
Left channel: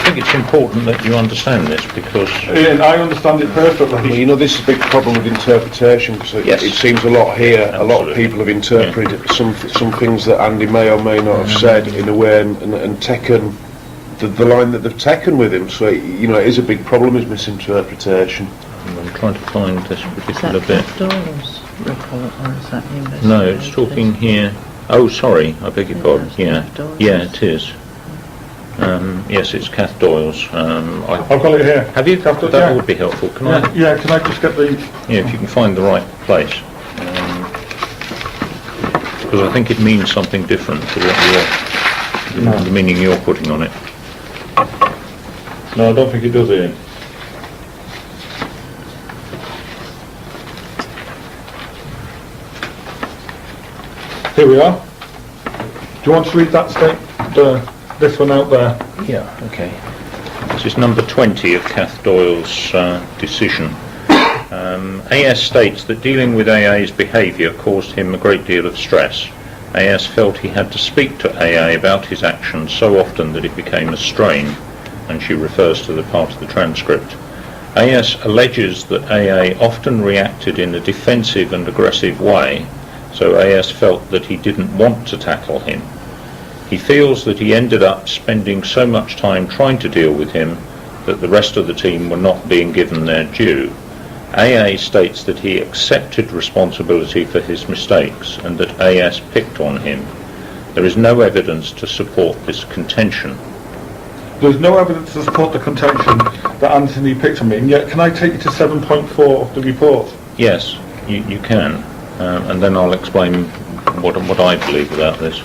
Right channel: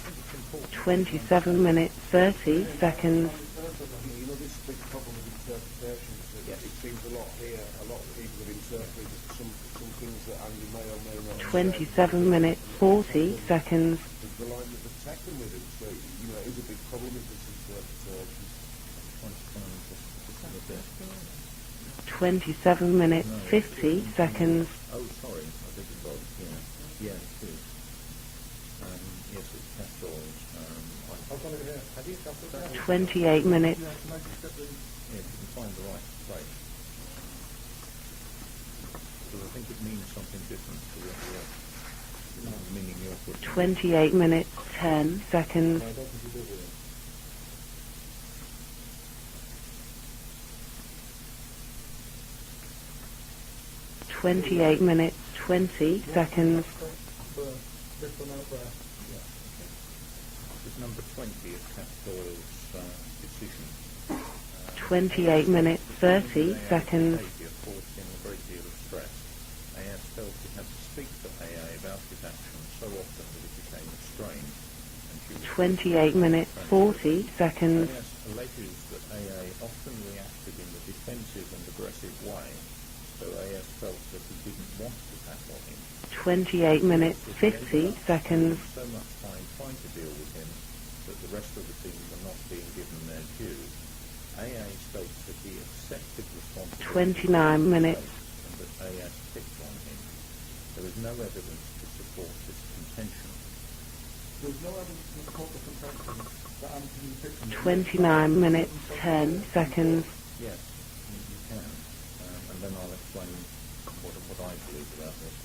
think it's important that you understand this because Ian, I understand it Well, perfectly. you know, this is a big problem with interpretation because Yes. it seems a lot here. A lot of Absolutely. people have interpreted some things that Andy may or may not have said in a way and taken Seconds. the line that they've taken with him. So, you know, it is a big problem, is misinterpretation. I'm trying to find this particular bit. 27 minutes. No, it's 50 talking here. seconds. Oh, sorry, I beg your pardon. Yeah, it is. Yes, it's Kath Doyle's. I've got it here. Have you? Kath Doyle, That yeah. would be helpful. Can I? Yeah, can I just get the... Yeah, if you can find the right place. Because I think it means something different to what the meaning you're putting on it. 28 minutes, 10 seconds. No, I don't think it does, Ian. Here we are. 28 minutes, 20. Do you want to read that this one out there? Yeah, okay. This is number 20 of Kath Doyle's decision. AS states that dealing with AA's behaviour caused him a great deal of stress. AS felt he had to speak to AA about his actions so often that it became a strain, and she refers to the part of the transcript. AS alleges that AA often reacted in a defensive and aggressive way, so AS felt that he didn't want to tackle him. He feels that he ended up spending so much time trying to deal with him that the rest of the team were not being given their due. AA states that he accepted responsibility for his mistakes and that AS picked on him. There is no evidence to support this contention. There's no evidence to support the contention that Anthony picked on me, and yet can I take you to 7.4 of the report? Yes, you can, and then I'll explain what I believe about this.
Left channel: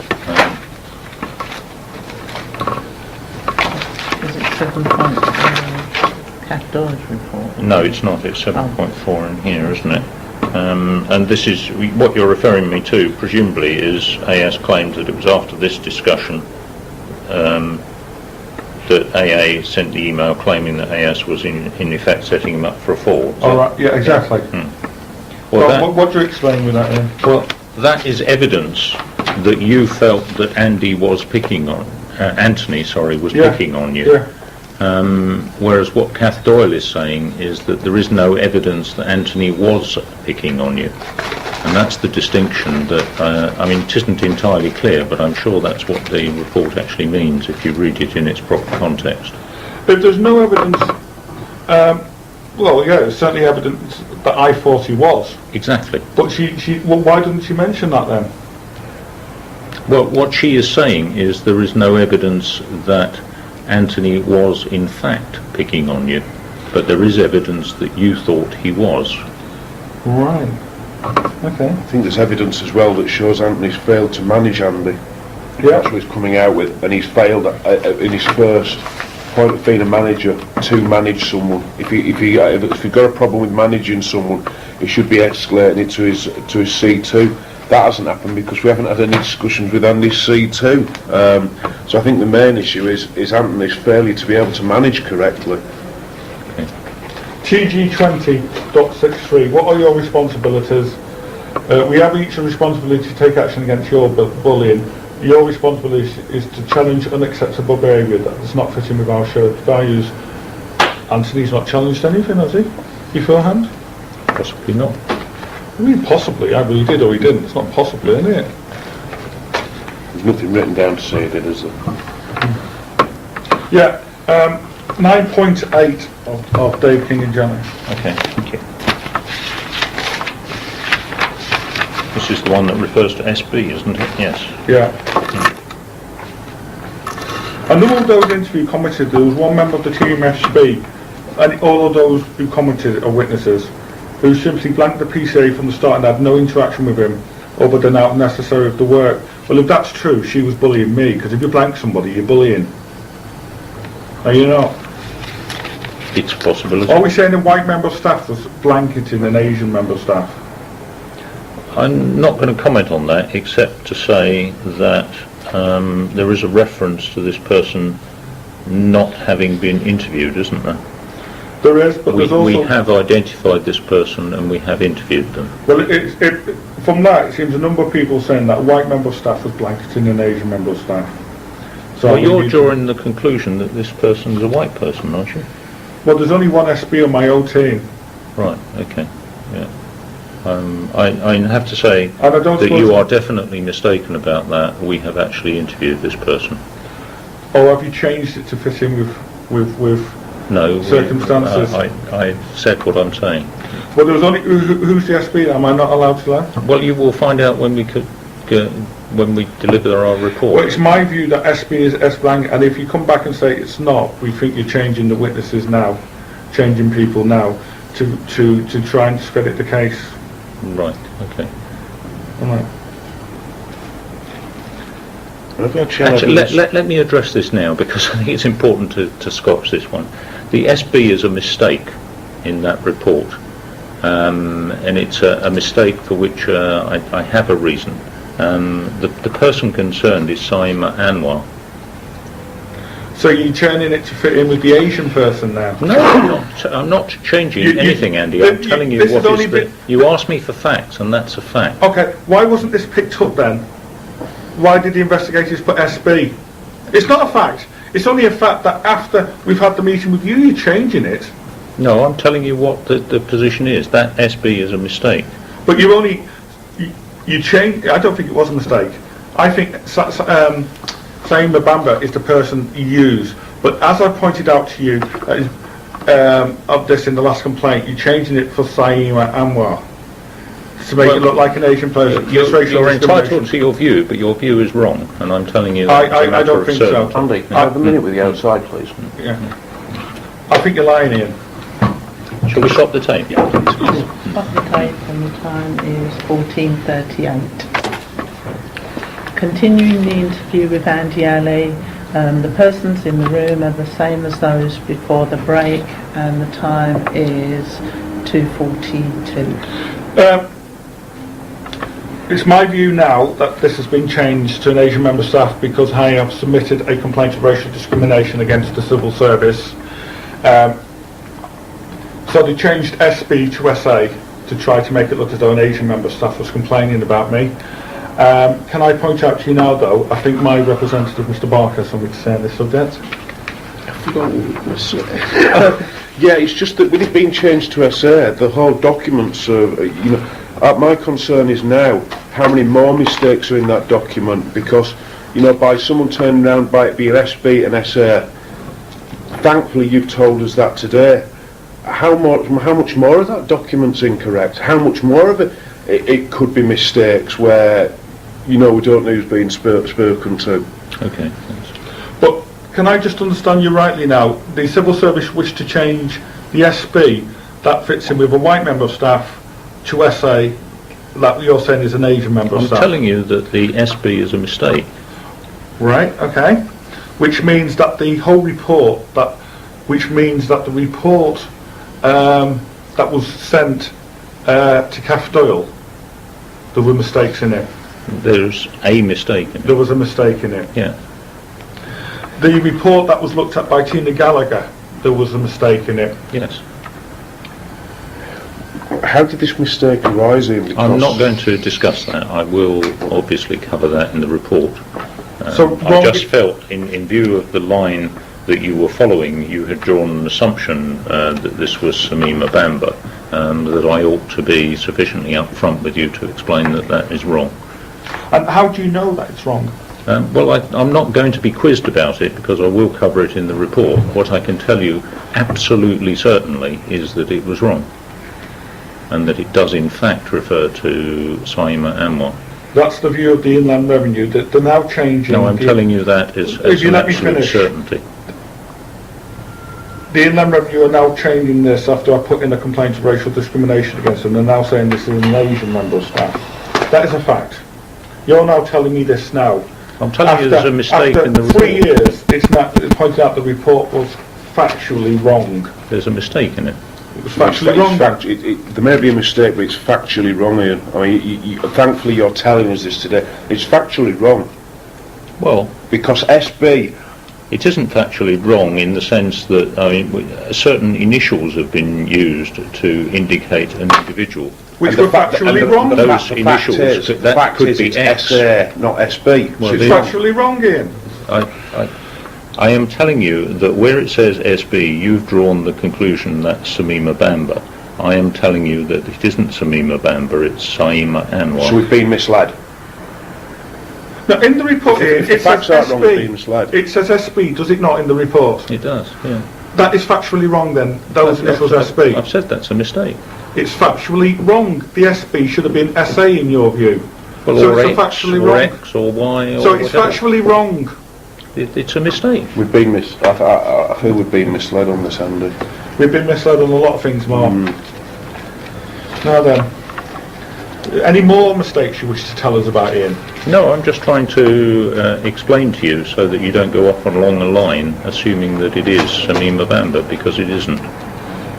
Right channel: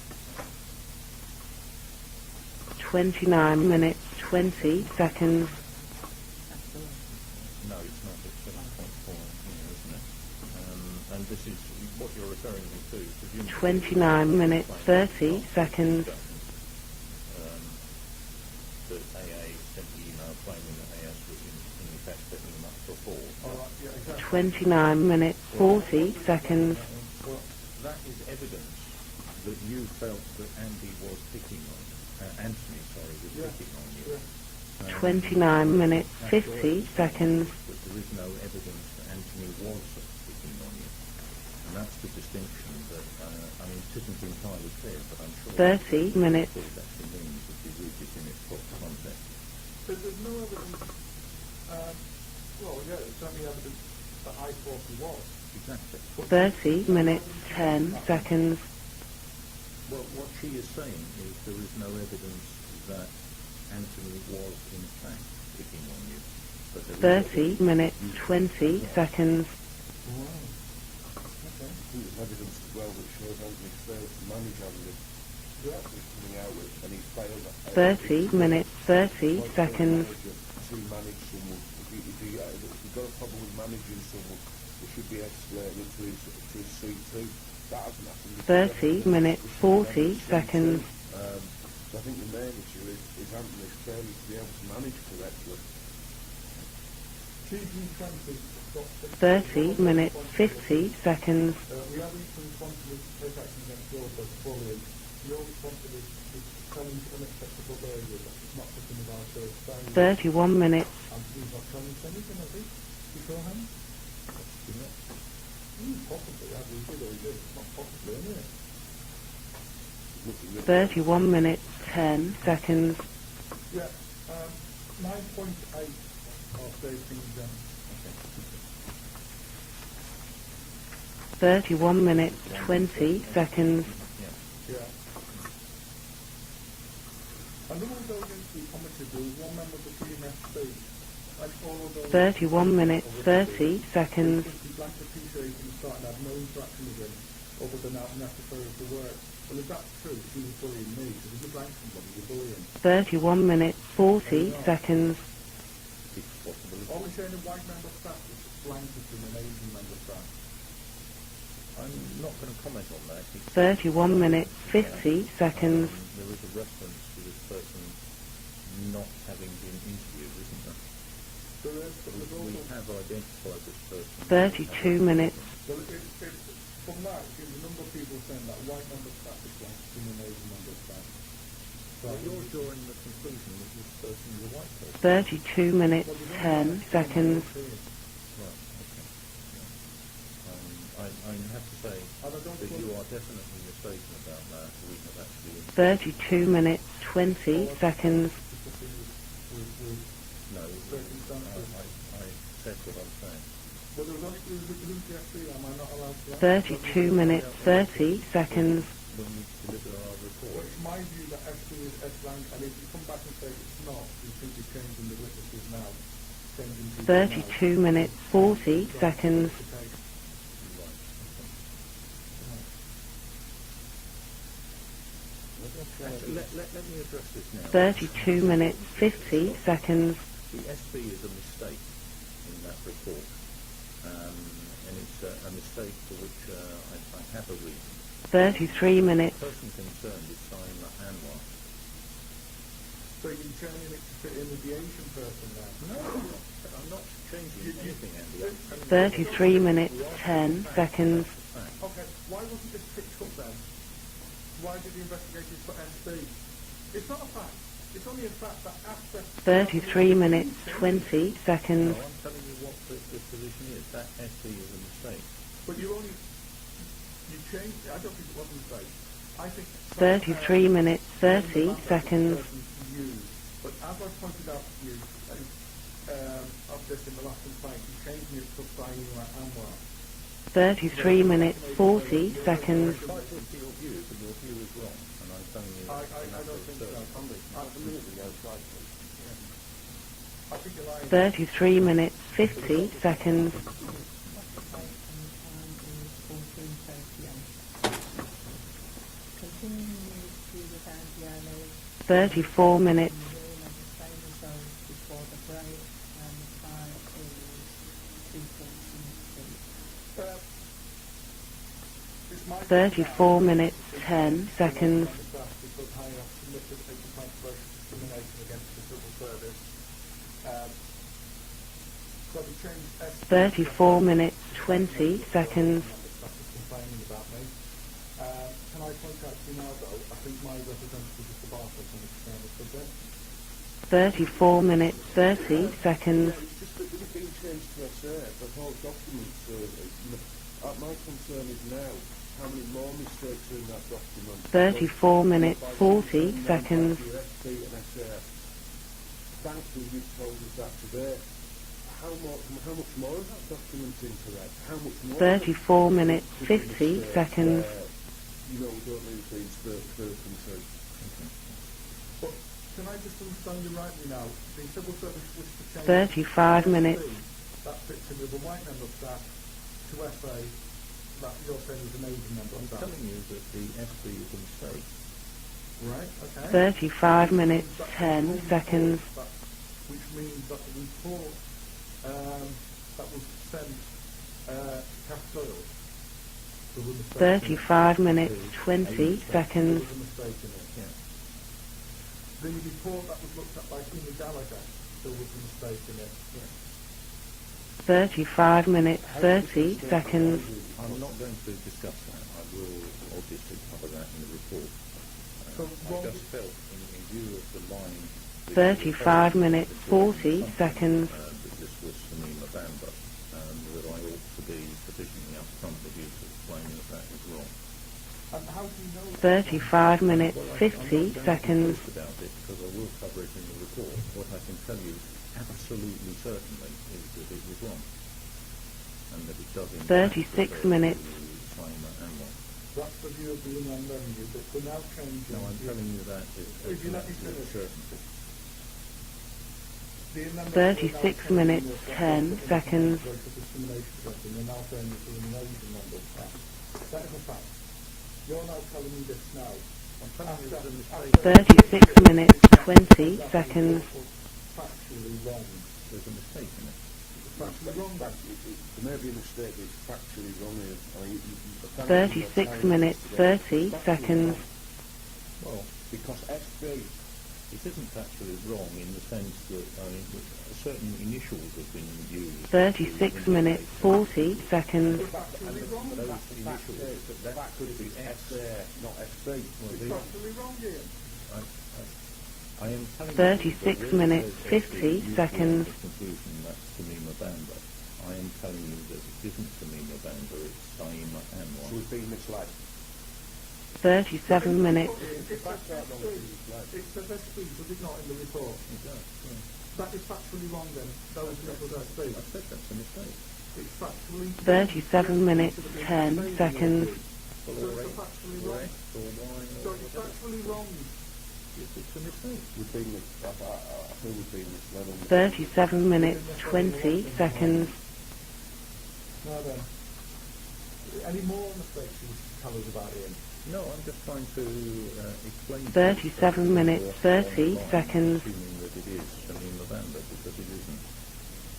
29 minutes. Is it 7.4? Kath Doyle's report? No, it's not. It's 7.4 in here, isn't it? And this is what you're referring me to, presumably, is AS claimed that it was after this discussion that AA sent the email claiming that AS was in effect setting him up for a fall. All right, yeah, exactly. 9 minutes. Well, What do you explain with that then? Well, that is evidence that you felt that Anthony was picking on you. Yeah. Whereas what Kath Doyle is saying is that there is no evidence that Anthony was picking on you. And that's the distinction that, I mean, it isn't entirely clear, but I'm sure that's what the report actually means if you read it in its proper context. If there's no evidence, well, yeah, there's certainly evidence that I thought he was. Exactly. But well, why didn't she mention that then? Well, what she is saying is there is no evidence that Anthony was in fact picking on you, but there is evidence that you thought he was. Right. Okay. I think there's evidence as well that shows Anthony's failed to manage Andy. Yeah. That's what he's coming out with, and he's failed in his first point of being a manager to manage someone. If you've got a problem with managing someone, he should be escalating it to his C2. That hasn't happened because we haven't had any discussions with Andy's C2. So I think the main issue is Anthony's failure to be able to manage correctly. TG20.63, what are your responsibilities? We have each a responsibility to take action against your bullying. Your responsibility is to challenge unacceptable behaviour that does not fit in with our shared values. 31 minutes. Anthony's not challenged anything, has he? Beforehand? Possibly not. I mean, possibly. Either he did or he didn't. It's not possibly, is it? There's nothing written down to say then, is there? Yeah. 9.8 of Dave King and Janet. Okay, thank you. 31 minutes. This is the one that refers to SB, isn't it? Yes. Yeah. A number of those interview commented there was one member of the team SB, and all of those who commented are witnesses, who simply blanked the PCA from the start and had no interaction with him other than out necessary of the work. Well, if that's true, she was bullying me, because if you blank somebody, you're bullying. 31 minutes. Are you not? It's a possibility. Are we saying a white member of staff was blanketing an Asian member of staff? I'm not going to comment on that, except to say that there is a reference to this person not having been interviewed, isn't there? There is, but there's also... We have identified this person and we have interviewed them. Well, from that, it seems a number of people saying that a white member of staff was blanketing an Asian member of staff. So Well, you're drawing the conclusion that this person is a white person, aren't you? 32 minutes. Well, there's only one SB on my own team. Right, okay, yeah. I have to say And I don't that suppose- you are definitely mistaken about that. We have actually interviewed this 32 person. minutes, 20 Or have you seconds. changed it to fit in with No, circumstances? I said what I'm saying. Well, there was only... Who's the SB? Am I not allowed to laugh? Well, you will find out when we when we deliver our Well, report. it's my view that SB is S blank, and if you come back and say it's not, we think you're changing the witnesses now, changing people now, 32 minutes, to try and 40 discredit the case. Right, okay. All right. Actually, let me address this now, because I think it's important to scotch this one. The SB is a mistake in that report, and it's a mistake for which I have a reason. The person concerned is Saima Anwar. So you're turning it to fit in with the Asian person now? No, I'm not changing anything, Andy. I'm telling you this what is only is been- You asked me for facts, and that's a fact. Okay, why wasn't this picked up then? Why did the investigators put SB? It's not a fact. It's only a fact that after we've had the meeting with you, you're changing it. No, I'm telling you what the position is. That SB is a mistake. But you changed. I don't think it was a mistake. I think Saeem Mabamba is the person you use. But as I pointed out to you of this in the last complaint, you're changing it for Saima Anwar to make it look like an Asian person. You're entitled to your view, but your view is wrong, and I'm telling you that it's a I matter don't of think certainty. so. Andy, can I have a minute with you outside, please? Yeah. I think you're lying here. 33 minutes. Shall we stop the tape? Stop the tape and the time is 14:38. Continuing the interview with Andy Ali, the persons in the room are the same as those before the break, and the time is 2:42. It's my view now that this has been changed to an Asian member staff because I have submitted a complaint of racial discrimination against the civil service. So they changed SB to SA to try to make it look as though an Asian member staff was complaining about me. Can I point out to you now though, I think my representative, Mr Barker, has something to say on this subject. 34 minutes. Yeah, it's just that with it being changed to SA, the whole documents my concern is now how many more mistakes are in that document, because by someone turning around by it being SB and SA, thankfully you've told us that today. How much more of that document's incorrect? How much more of it could be mistakes where we don't know who's being spoken to? Okay, thanks. But can I just understand you rightly now? The civil service wish to change the SB that fits in with a white member of staff to SA that you're saying is an Asian member of I'm staff. telling you that the SB is a mistake. Right, okay. Which means that the whole report, that the report that was sent to Cath Doyle, there were mistakes in it. There's a mistake in There it. was a mistake in it. Yeah. The report that was looked at by Tina Gallagher, there was a mistake in it. Yes. 35 minutes. How did this mistake arise, Ian? I'm not going to discuss that. I will obviously cover that in the report. So I just felt, in view of the line that you were following, you had drawn an assumption that this was Samima Bamba, that I ought to be sufficiently upfront with you to explain that that is wrong. And how do you know that it's wrong? Well, I'm not going to be quizzed about it because I will cover it in the report. What I can tell you absolutely certainly is that it was wrong, and that it does in fact refer to Saima Anwar. That's the view of the Inland Revenue, that they're now changing... No, I'm telling you that as If you an let me absolute finish. certainty. The Inland Revenue are now changing this after I put in a complaint of racial discrimination against them. They're now saying this is an Asian member of staff. That is a fact. You're now telling me this now. I'm telling you there's a mistake after in the 3 report. years, it's now pointed out the report was factually wrong. There's a mistake in it. It was factually wrong. There may be a mistake, but it's factually wrong, Ian. I mean, thankfully you're telling us this today. It's factually wrong. Well, Because SB... it isn't factually wrong in the sense that certain initials have been used to indicate an individual. Which were factually wrong. Those initials, that could be it's X. SA, not SB. Well, It's factually wrong, Ian. I am telling you that where it says SB, you've drawn the conclusion that's Samima Bamba. I am telling you that it isn't Samima Bamba, it's Saima Anwar. So we've been misled. Now, in the report, Ian, the it says facts aren't wrong, we've been SB. misled. It says SB, does it not, in the report? It does, yeah. That is factually wrong then. Those initials SB. I've said that's a mistake. It's factually wrong. The SB should have been SA in your view. Well, So or it's X, factually or wrong. X, or Y, or So it's whatever. factually wrong. It's a mistake. We've been I feel we've been misled on this, Andy. We've been misled on a lot of things, Mark. Now then, any more mistakes you wish to tell us about, Ian? No, I'm just trying to explain to you so that you don't go off along the line assuming that it is Samima Bamba, because it isn't.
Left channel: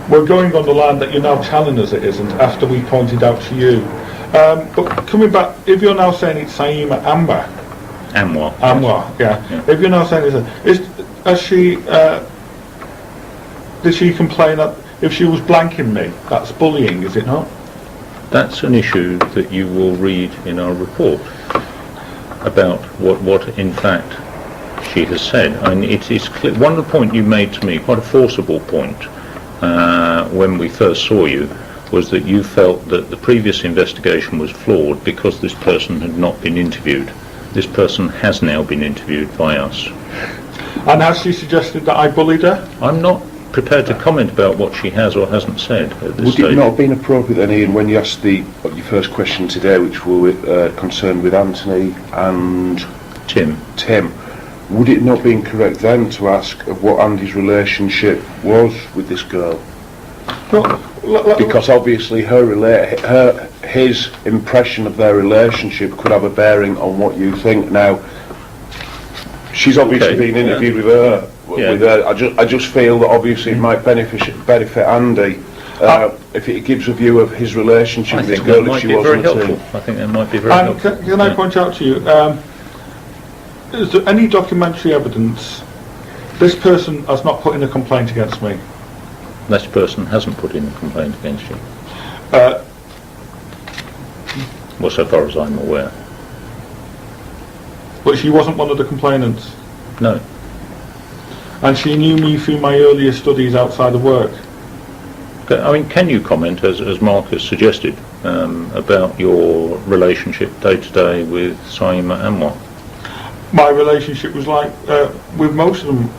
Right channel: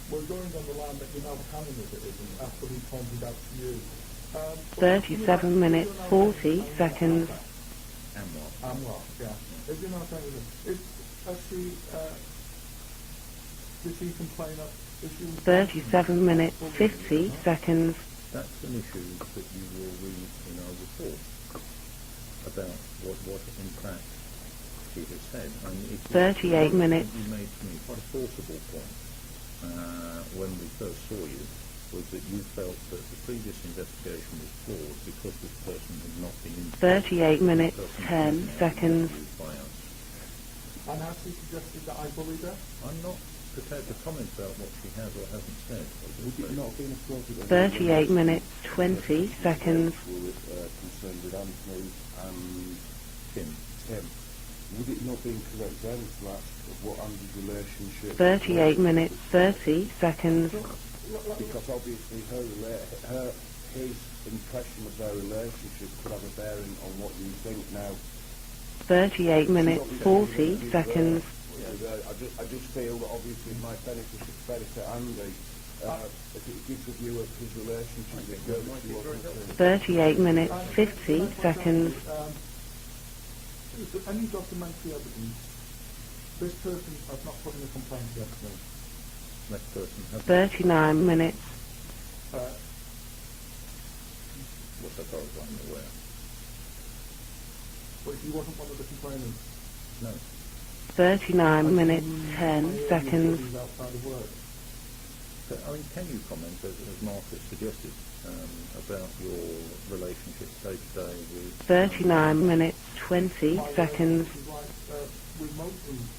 We're going on the line that you're now telling us it isn't, after we pointed out to you. But coming back, if you're now saying it's Saima Anwar, Anwar. yeah. If you're now saying did she complain that if she was blanking me, that's bullying, is it not? Seconds. That's an issue that you will read in our report about what in fact she has said. I mean, it is clear. One of the points you made to me, quite a forcible point, when we first saw you, was that you felt that the previous investigation was flawed because this person had not been interviewed. 38 This person minutes, has now been 30 interviewed by us. And has she suggested that I bullied her? I'm not prepared to comment about what she has or hasn't said at this Would stage. it not have been appropriate then, Ian, when you asked your first question today, which were concerned with Anthony and Tim, would it not be incorrect then to ask of what Andy's relationship 38 was minutes, with this girl? 30 seconds. No, Because obviously his impression of their relationship could have a bearing on what you think. Now, 38 minutes. she's obviously Okay. been interviewed Yeah. with her. I just feel that obviously it might benefit Andy if it gives a view of his relationship I with this think that girl if might she be very wasn't a helpful. team. I think that might be very And helpful. can I point out to you, is there any documentary evidence this person has not put in a complaint against me? This person hasn't put in a 39 complaint minutes. against you. Uh, Well, so far as I'm aware. but she wasn't one of the complainants. No. 39 And she knew me through my earlier studies outside of work. I mean, can you comment, as Mark has suggested, about your relationship day to day with Saima Anwar? My relationship was like, with most of them,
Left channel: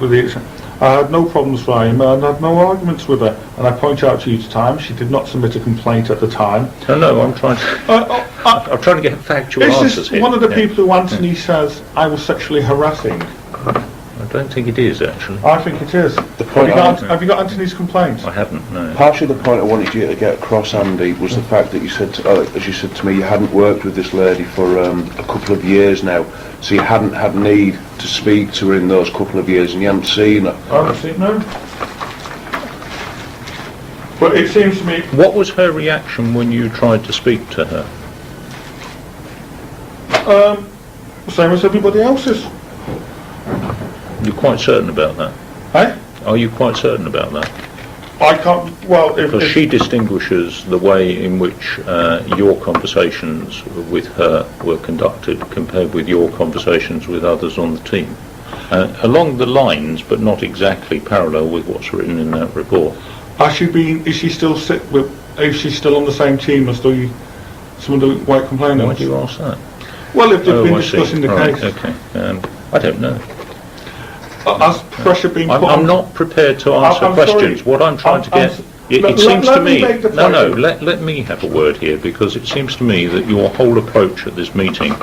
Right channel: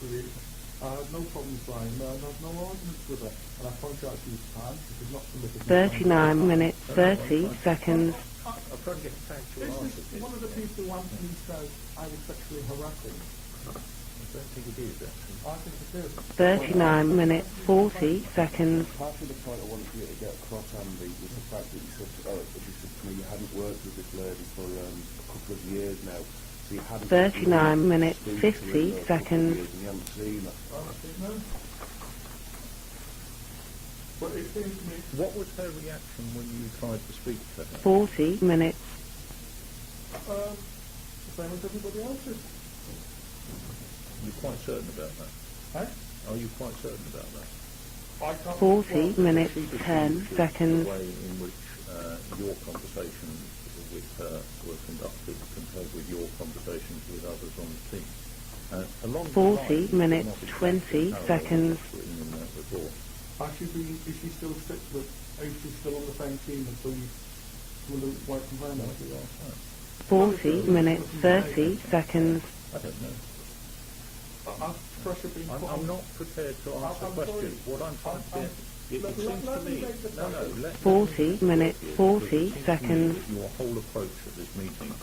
with the exception, I had no problems with Saima and I had no arguments with her. And I point out to you each time, she did not submit a complaint at the time. No, I'm trying to... I'm trying to get factual Is answers this here. one of the Yeah. people who Anthony says I was sexually harassing? I don't think it is, actually. I think it is. Have you got Anthony's complaint? I haven't, no. Partially the point I wanted you to get across, Andy, was the fact that you said, as you said to me, you hadn't worked with this lady for a couple of years now, so you hadn't had need to speak to her in those couple of years, and you hadn't seen her. I haven't seen no. But it seems to me, What was her reaction when you tried to speak to her? 40 minutes. same as everybody else's. You're quite certain about that? Eh? Are you quite certain about that? I can't, well, Because if she distinguishes the way in which your conversations with her were conducted compared with your conversations with others on the team. Along the lines, but not exactly parallel with what's written in that report. has she been, is she still is she still on the same team as some of the white Why complainants? do you ask that? Well, if they've been I see. discussing the Right, case. okay. I don't know. Has pressure been put on? I'm not prepared to answer I'm sorry. questions. What I'm trying to get... It Let- seems let to me me... make the No, point. let me have a word here, because it seems to me that your whole approach at this meeting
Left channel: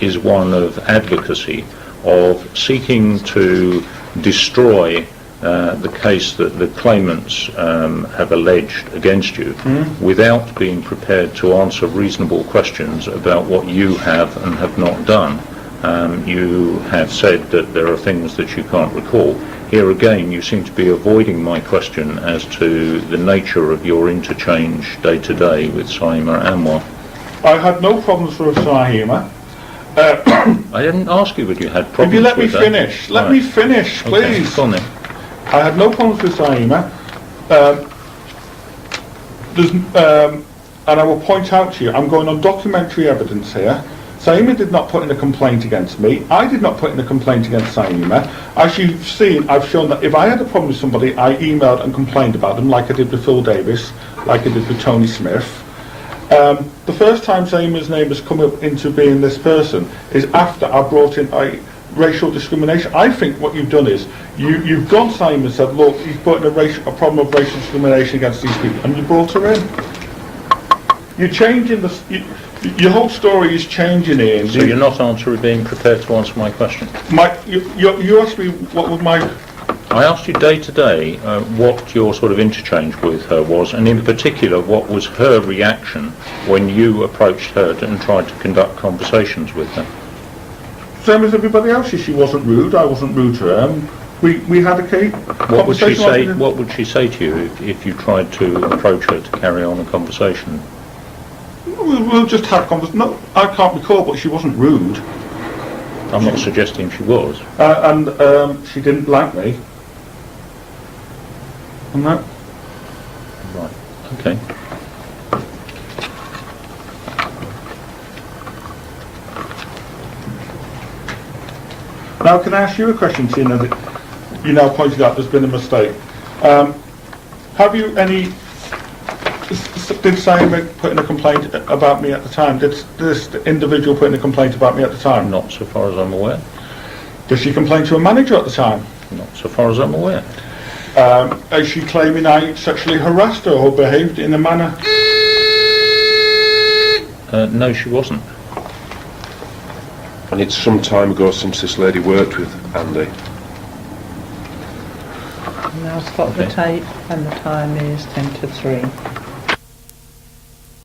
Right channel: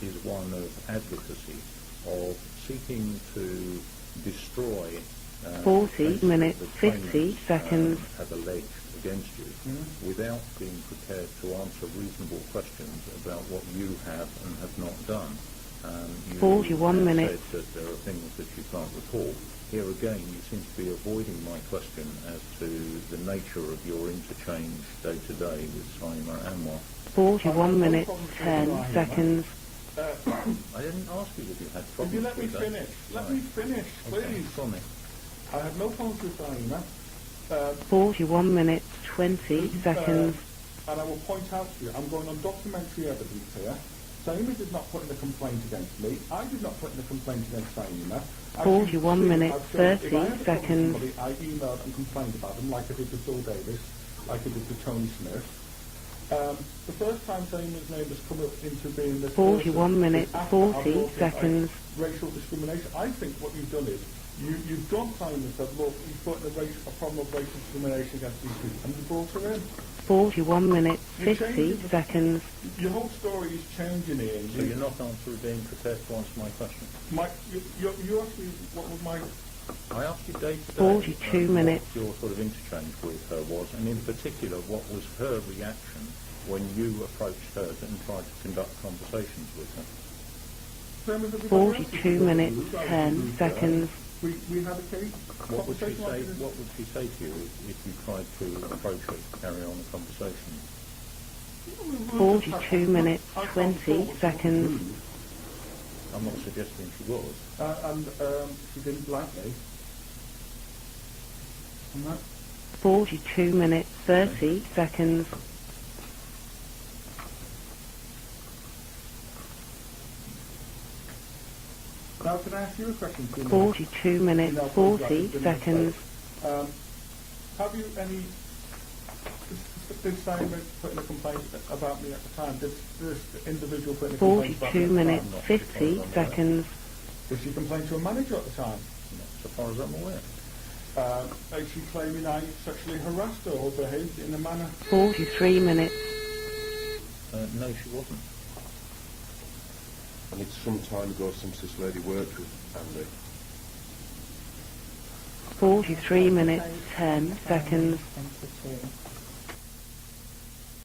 is one of advocacy, of seeking to destroy the case that the claimants have alleged against you, without being prepared to answer reasonable questions about what you have and have not done. You have said that there are things that you can't recall. Here again, you seem to be avoiding my question as to the nature of your interchange day to day with Saima Anwar. I had no problems with Saima. I didn't ask you whether you had problems If you let me with her. finish, let Right. me finish, Okay, please. go on then. I had no problems with Saima. 41 minutes, 20 There's, seconds. and I will point out to you, I'm going on documentary evidence here. Saima did not put in a complaint against me. I did not put in a complaint against Saima. As you've seen, I've shown that if I had a problem with somebody, I emailed and complained about them, like I did with Phil Davis, like I did with Tony Smith. The first time Saima's name has come up into being this person is after I brought in racial discrimination. I think what you've done is you've gone Saima and said, look, he's put in a problem of racial discrimination against these people, and you brought her in. 41 minutes. You're changing your whole story is changing, Ian. So you're not being prepared to answer my question? You asked me what was my... I asked you day to day what your sort of interchange with her was, and in particular what was her reaction when you approached her and tried to conduct conversations with her. Same as everybody else. She wasn't rude. I wasn't rude to her. We had a What would she say? conversation. What would she say to you if you tried to approach her to carry on a conversation? We'll just have conversation. No, I can't recall, but she wasn't rude. I'm not suggesting she was. And she didn't like me. And that. 42 minutes, Okay. 30 seconds. Now, can I ask you a question, seeing that 42 minutes. you now pointed out there's been a 40 mistake? Have you any... Did Simon put in a complaint about me at the time? Did this individual put in a complaint about me at the time? Not so far as I'm aware. seconds. Did she complain to a manager at the time? Not so far as I'm aware. Is she claiming I sexually harassed her or behaved in a manner? 43 minutes. No, she wasn't. And it's some time ago since this lady worked with Andy. I've 43 got the minutes. tape and the time is 10 to 3.